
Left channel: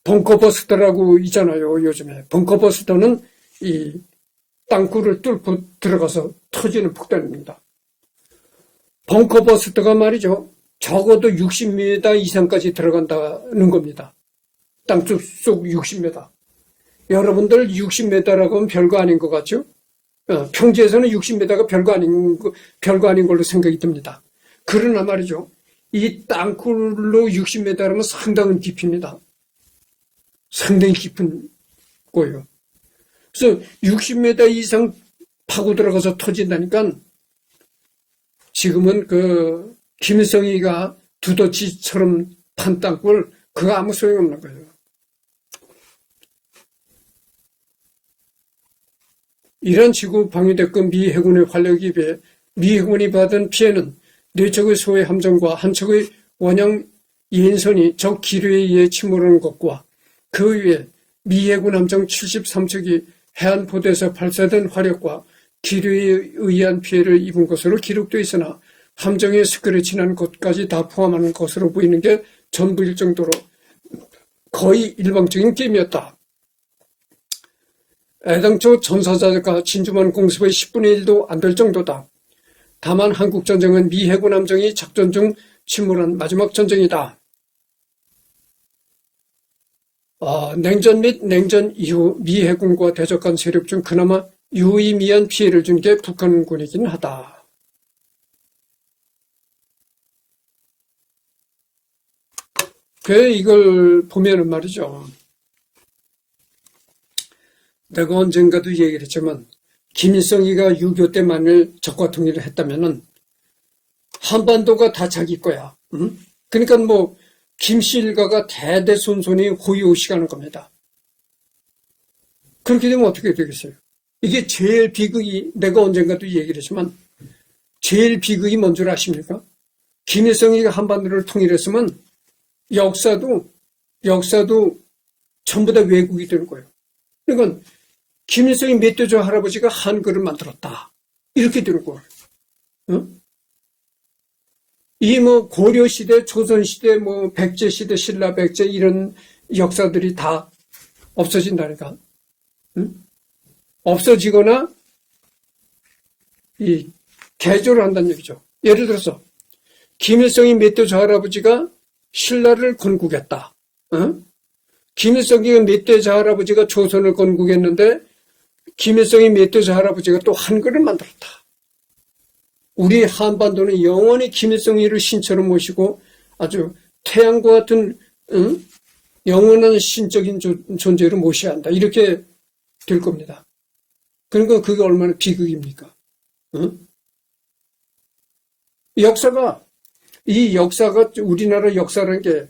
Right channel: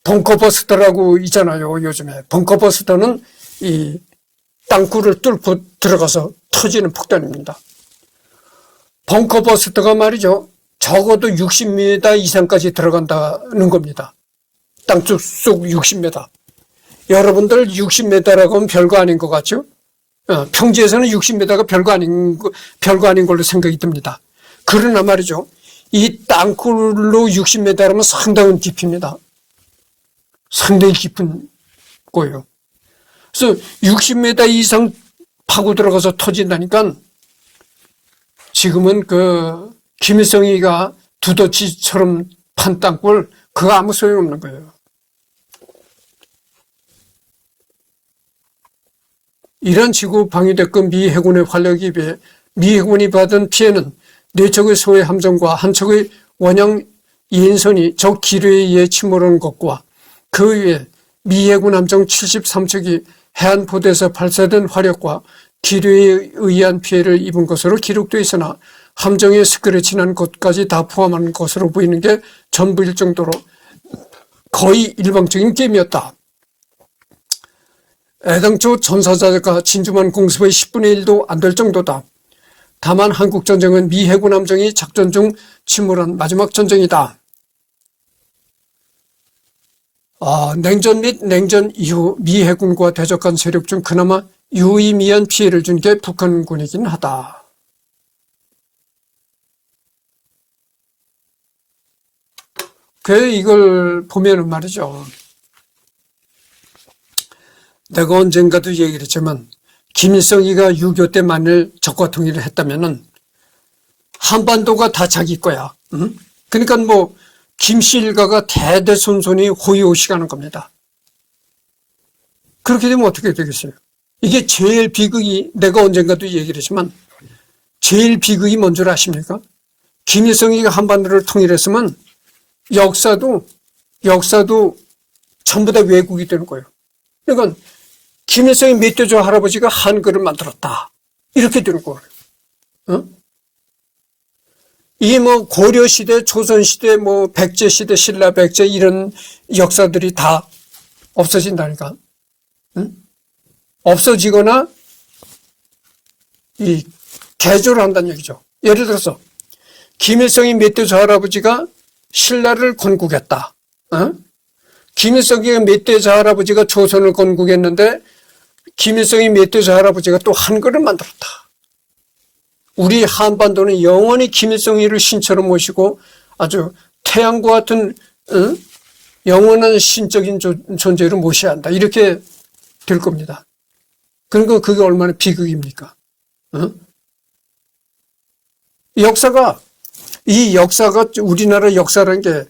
벙커버스터라고 있잖아요. 요즘에 벙커버스터는 이 땅굴을 뚫고 들어가서 터지는 폭탄입니다. 벙커버스터가 말이죠. 적어도 60m 이상까지 들어간다는 겁니다. 땅속 60m. 여러분들 60m라고 하면 별거 아닌 것 같죠? 평지에서는 60m가 별거 아닌 걸로 생각이 듭니다. 그러나 말이죠. 이 땅굴로 60m라면 상당한 깊이입니다. 상당히 깊은 거예요. 그래서 60m 이상 파고 들어가서 터진다니까 지금은 그 김일성이가 두더지처럼 판 땅굴 그거 아무 소용없는 거예요. 이란 지구 방위대급 미 해군의 활력에 비해 미 해군이 받은 피해는 4척의 소해 함정과 한 척의 원형 이인선이 적 기류에 의해 침몰하는 것과 그 위에 미 해군 함정 73척이 해안포대에서 발사된 화력과 기류에 의한 피해를 입은 것으로 기록되어 있으나 함정에 스크래치난 것까지 다 포함하는 것으로 보이는 게 전부일 정도로 거의 일방적인 게임이었다. 애당초 전사자가 진주만 공습의 10분의 1도 안 될 정도다. 다만 한국전쟁은 미 해군 함정이 작전 중 침몰한 마지막 전쟁이다. 냉전 및 냉전 이후 미 해군과 대적한 세력 중 그나마 유의미한 피해를 준 게 북한군이긴 하다. 이걸 보면은 말이죠. 내가 언젠가도 얘기를 했지만 김일성이가 6.25 때 만일 적과 통일을 했다면은 한반도가 다 자기 거야. 응? 그러니까 뭐 김씨 일가가 대대손손이 호의호식하는 겁니다. 그렇게 되면 어떻게 되겠어요? 이게 제일 비극이 내가 언젠가도 얘기를 했지만 제일 비극이 뭔 줄 아십니까? 김일성이가 한반도를 통일했으면 역사도 전부 다 왜곡이 되는 거예요. 그러니까 김일성이 멧돼지 할아버지가 한글을 만들었다. 이렇게 되는 거예요. 어? 이 뭐 고려시대, 조선시대, 뭐 백제시대, 신라백제 이런 역사들이 다 없어진다니까. 응? 없어지거나 이 개조를 한다는 얘기죠. 예를 들어서 김일성이 멧돼지 할아버지가 신라를 건국했다. 어? 김일성이 멧돼지 할아버지가 조선을 건국했는데 김일성이 멧돼지 할아버지가 또 한글을 만들었다. 우리 한반도는 영원히 김일성이를 신처럼 모시고 아주 태양과 같은 영원한 신적인 존재로 모셔야 한다. 이렇게 될 겁니다. 그러니까 그게 얼마나 비극입니까? 이 역사가 우리나라 역사라는 게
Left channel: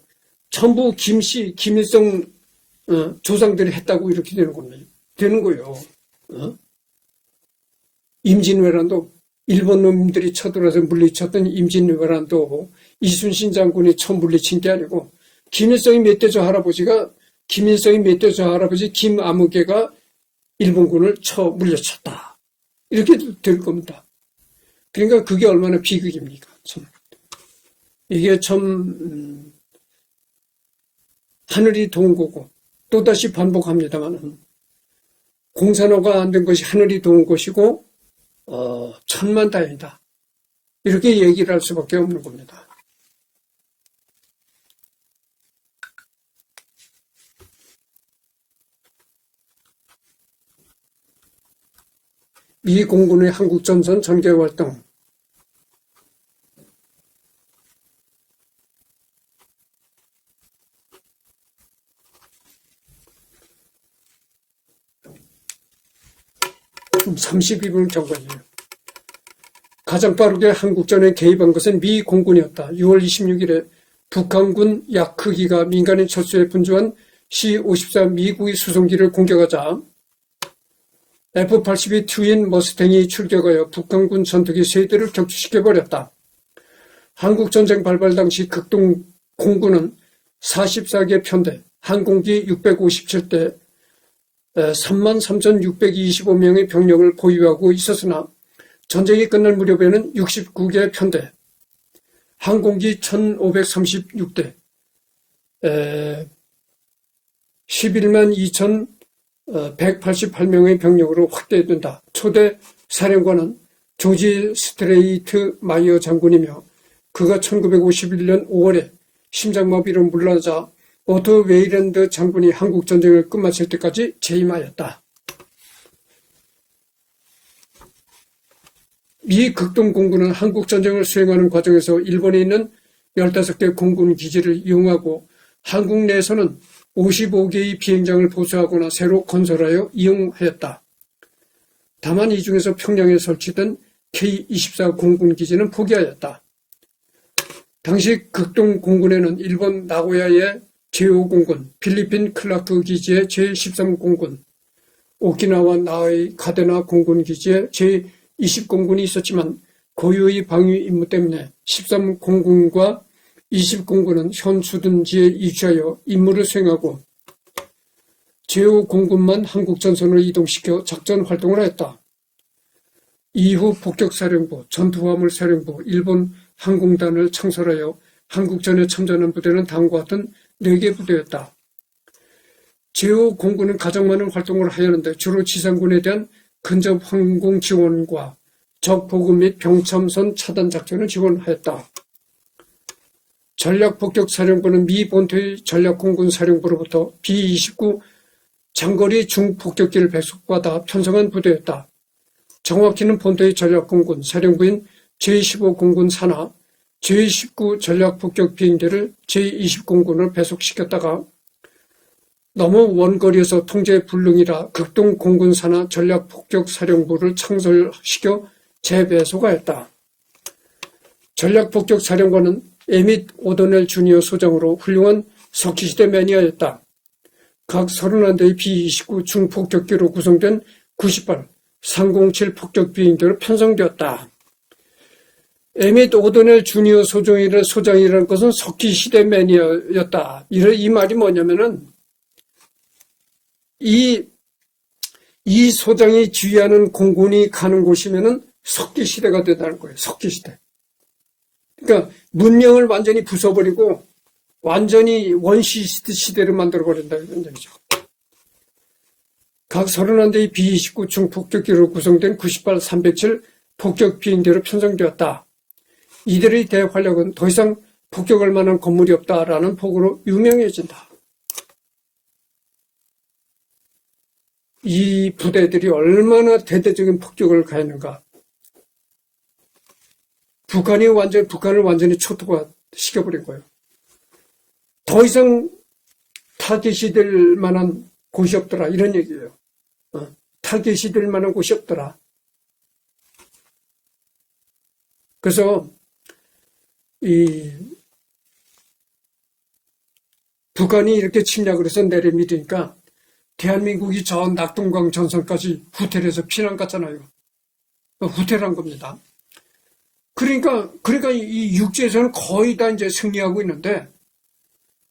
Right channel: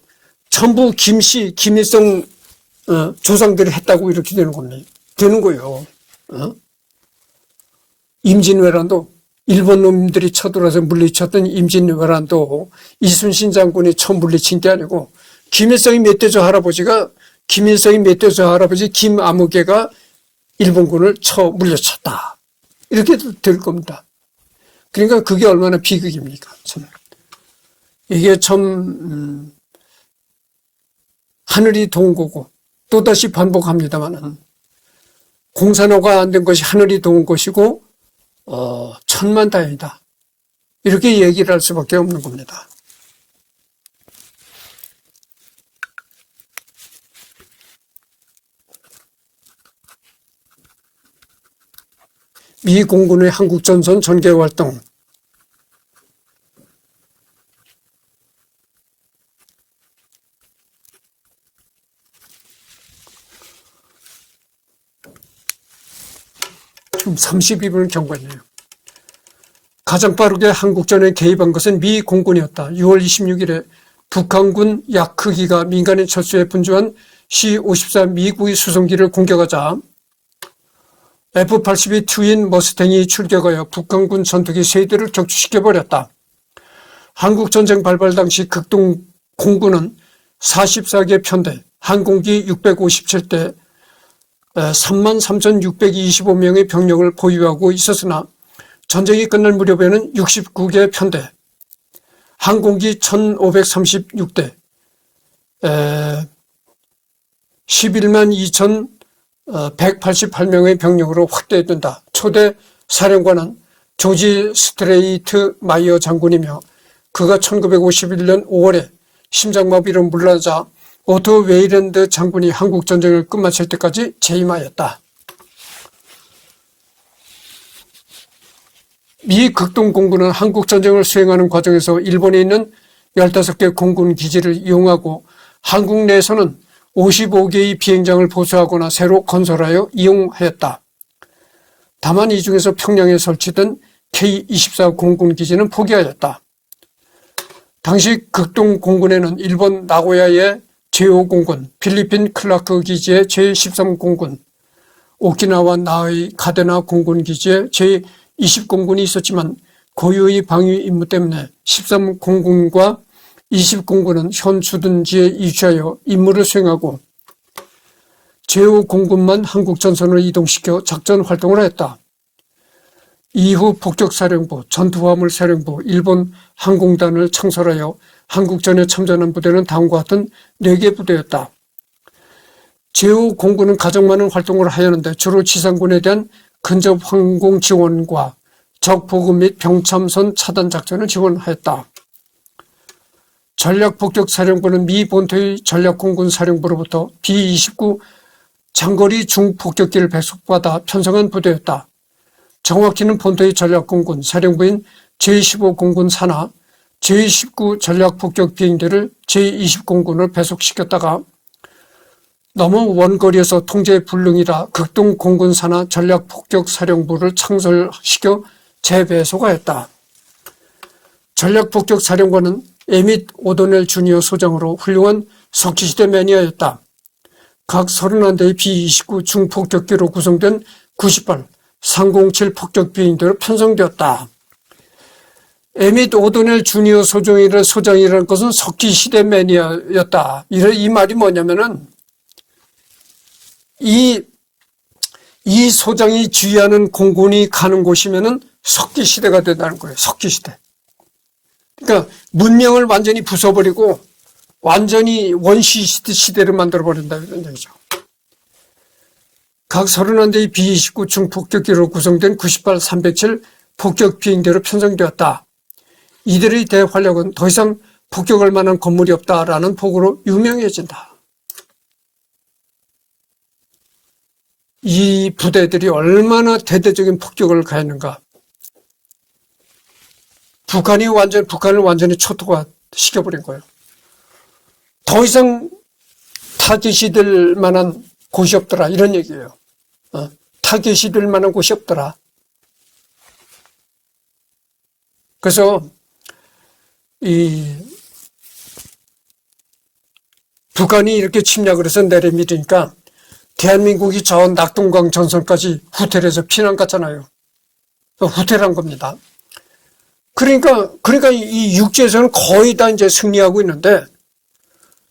전부 김일성 조상들이 했다고 이렇게 되는 겁니다. 되는 거예요. 임진왜란도 일본 놈들이 쳐들어와서 물리쳤던 임진왜란도 이순신 장군이 처음 물리친 게 아니고 김일성이 멧돼지 할아버지 김아무개가 일본군을 물리쳤다. 이렇게 될 겁니다. 그러니까 그게 얼마나 비극입니까? 참. 이게 참 하늘이 도운 거고 또다시 반복합니다만 공산화가 안 된 것이 하늘이 도운 것이고 천만다행이다. 이렇게 얘기를 할 수밖에 없는 겁니다. 미 공군의 한국전선 전개활동. 좀 32분을 경과했네요. 가장 빠르게 한국전에 개입한 것은 미 공군이었다. 6월 26일에 북한군 약 크기가 민간인 철수에 분주한 C-54 미국의 수송기를 공격하자 F-82 트윈 머스탱이 출격하여 북한군 전투기 3대를 격추시켜버렸다. 한국전쟁 발발 당시 극동 공군은 44개 편대, 항공기 657대, 33,625명의 병력을 보유하고 있었으나 전쟁이 끝날 무렵에는 69개 편대, 항공기 1,536대, 11만 2,188명의 병력으로 확대된다. 초대 사령관은 조지 스트레이트 마이어 장군이며 그가 1951년 5월에 심장마비로 물러나자 오토 웨이랜드 장군이 한국전쟁을 끝마칠 때까지 재임하였다. 미 극동공군은 한국전쟁을 수행하는 과정에서 일본에 있는 15개 공군 기지를 이용하고 한국 내에서는 55개의 비행장을 보수하거나 새로 건설하여 이용하였다. 다만 이 중에서 평양에 설치된 K-24 공군 기지는 포기하였다. 당시 극동공군에는 일본 나고야의 제5공군, 필리핀 클라크 기지의 제13공군, 오키나와 나의 가데나 공군 기지의 제20공군이 있었지만 고유의 방위 임무 때문에 13공군과 20공군은 현 주둔지에 이주하여 임무를 수행하고 제5공군만 한국전선을 이동시켜 작전 활동을 하였다. 이후 폭격사령부, 전투화물사령부, 일본 항공단을 창설하여 한국전에 참전한 부대는 다음과 같은 4개 부대였다. 제5공군은 가장 많은 활동을 하였는데 주로 지상군에 대한 근접 항공 지원과 적 보급 및 병참선 차단 작전을 지원하였다. 전략폭격사령부는 미 본토의 전략공군 사령부로부터 B-29 장거리 중폭격기를 배속받아 편성한 부대였다. 정확히는 본토의 전략공군 사령부인 제15공군 산하 제19 전략폭격 비행기를 제20공군을 배속시켰다가 너무 원거리에서 통제 불능이라 극동공군 산하 전략폭격사령부를 창설시켜 재배속하였다. 전략폭격사령관은 에밋 오도넬 주니어 소장으로 훌륭한 석기시대 매니아였다. 각 31대의 B-29 중폭격기로 구성된 98 307 폭격 비행기로 편성되었다. 에밋 오도넬 주니어 소장이라는 것은 석기시대 매니아였다. 이 말이 뭐냐면은 이 소장이 지휘하는 공군이 가는 곳이면은 석기시대가 된다는 거예요. 석기시대. 그러니까 문명을 완전히 부숴버리고 완전히 원시시대를 만들어버린다 이런 얘기죠. 각 31대의 B-29 중폭격기로 구성된 98, 307 폭격 비행대로 편성되었다. 이들의 대활력은 더 이상 폭격할 만한 건물이 없다라는 폭으로 유명해진다. 이 부대들이 얼마나 대대적인 폭격을 가했는가. 북한을 완전히 초토화 시켜버린 거예요. 더 이상 타겟이 될 만한 곳이 없더라 이런 얘기예요. 타겟이 될 만한 곳이 없더라. 그래서 북한이 이렇게 침략을 해서 내려밀으니까 대한민국이 저 낙동강 전선까지 후퇴해서 피난 갔잖아요. 후퇴한 겁니다. 그러니까 이 육지에서는 거의 다 이제 승리하고 있는데,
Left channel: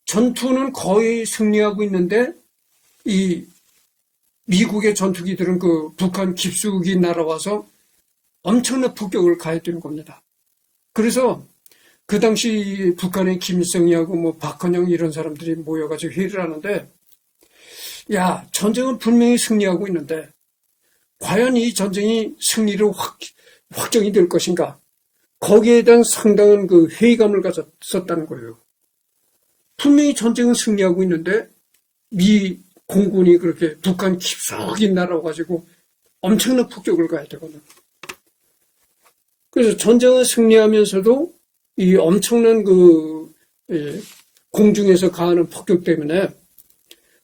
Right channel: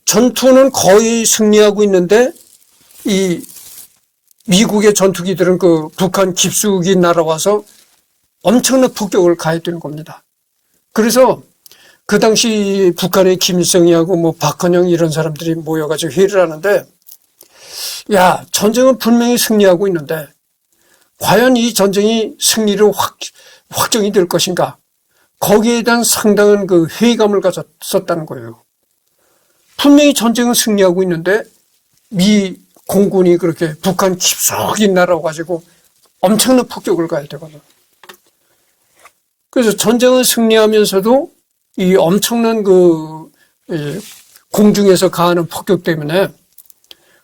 전투는 거의 승리하고 있는데, 이 미국의 전투기들은 그 북한 깊숙이 날아와서 엄청난 폭격을 가해되는 겁니다. 그래서 그 당시 북한의 김일성이하고 뭐 박헌영 이런 사람들이 모여가지고 회의를 하는데, 야, 전쟁은 분명히 승리하고 있는데 과연 이 전쟁이 승리로 확정이 될 것인가? 거기에 대한 상당한 그 회의감을 가졌었다는 거예요. 분명히 전쟁은 승리하고 있는데 미 공군이 그렇게 북한 깊숙이 날아와가지고 엄청난 폭격을 가야 되거든요. 그래서 전쟁은 승리하면서도 이 엄청난 그 공중에서 가하는 폭격 때문에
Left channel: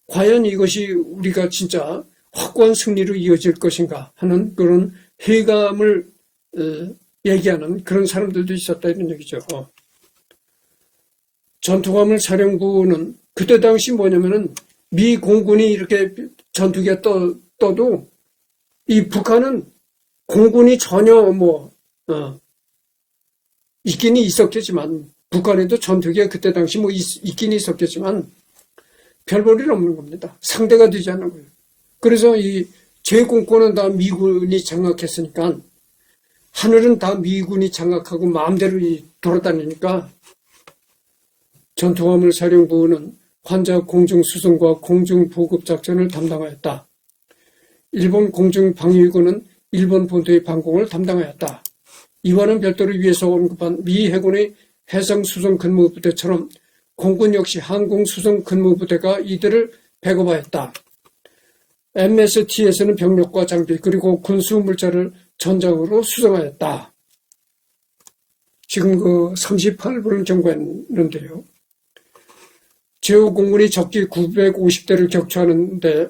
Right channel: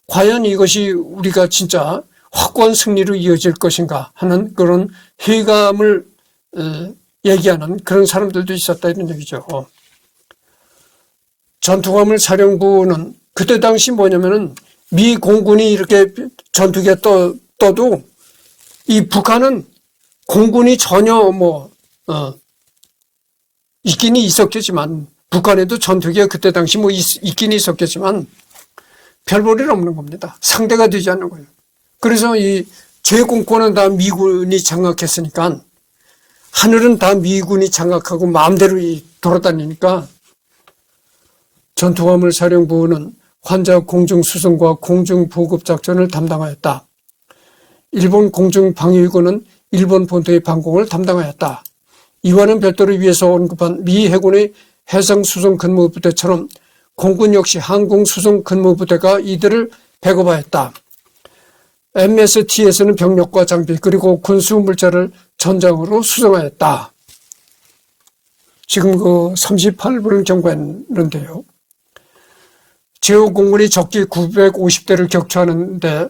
과연 이것이 우리가 진짜 확고한 승리로 이어질 것인가 하는 그런 회의감을 얘기하는 그런 사람들도 있었다 이런 얘기죠. 전투화물 사령부는 그때 당시 뭐냐면은 미 공군이 이렇게 전투기가 떠도 이 북한은 공군이 전혀 있기는 있었겠지만, 북한에도 전투기가 그때 당시 있기는 있었겠지만 별 볼일 없는 겁니다. 상대가 되지 않는 거예요. 그래서 이 제공권은 다 미군이 장악했으니까, 하늘은 다 미군이 장악하고 마음대로 돌아다니니까 전투화물 사령부는 환자 공중수송과 공중보급작전을 담당하였다. 일본 공중방위군은 일본 본토의 방공을 담당하였다. 이와는 별도로 위에서 언급한 미 해군의 해상수송 근무부대처럼 공군 역시 항공수송 근무부대가 이들을 배급하였다. MST에서는 병력과 장비 그리고 군수물자를 전장으로 수송하였다. 지금 그 38분을 경고했는데요. 제5공군이 적기 950대를 격추하는데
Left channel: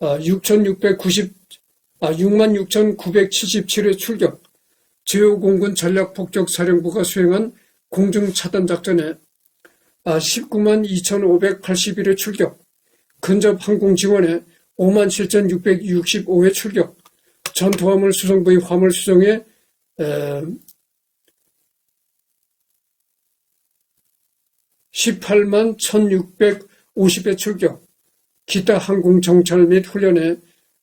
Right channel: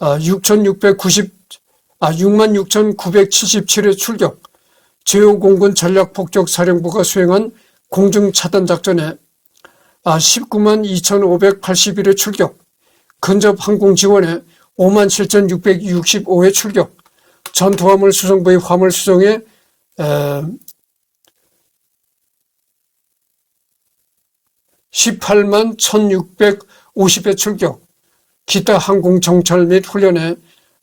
66,977회 출격, 제5공군 전략폭격사령부가 수행한 공중차단작전에 192,581회 출격, 근접항공지원에 57,665회 출격, 전투화물 수송부의 화물 수송에 181,650회 출격, 기타 항공 정찰 및 훈련에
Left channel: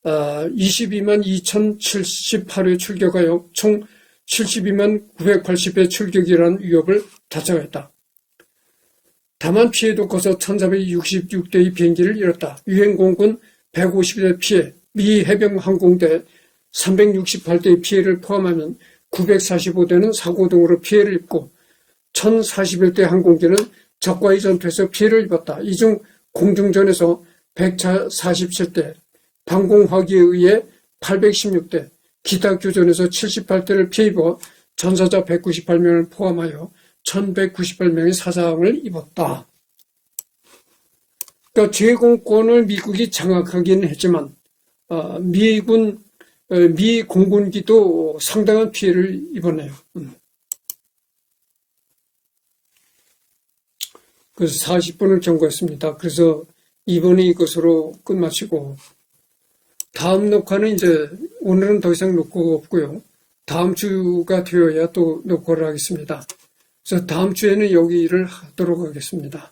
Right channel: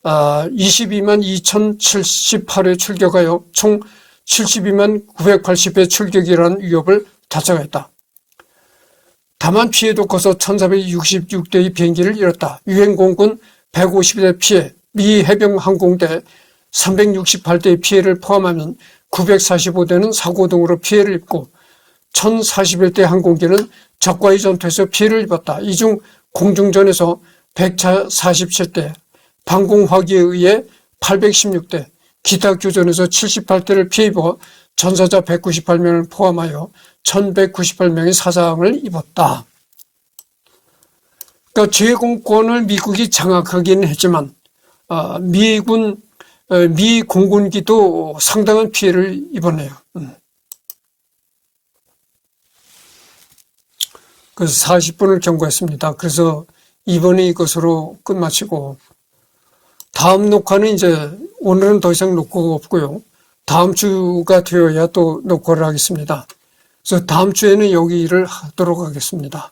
222,078회 출격하여 총 72980회 출격이라는 위협을 달성했다. 다만 피해도 커서 1466대의 비행기를 잃었다. 유엔공군 150대 피해, 미 해병항공대 368대의 피해를 포함하면 945대는 사고 등으로 피해를 입고 1041대 항공기는 적과의 전투에서 피해를 입었다. 이 중 공중전에서 147대, 방공화기에 의해 816대, 기타 교전에서 78대를 피해 입어 전사자 198명을 포함하여 1198명의 사상을 입었다. 그러니까 제공권을 미국이 장악하긴 했지만 미 공군기도 상당한 피해를 입었네요. 그래서 40분을 경고했습니다. 그래서 이번에 이것으로 끝마치고, 다음 녹화는 이제 오늘은 더 이상 녹화가 없고요. 다음 주가 되어야 또 녹화를 하겠습니다. 그래서 다음 주에는 여기를 하도록 하겠습니다.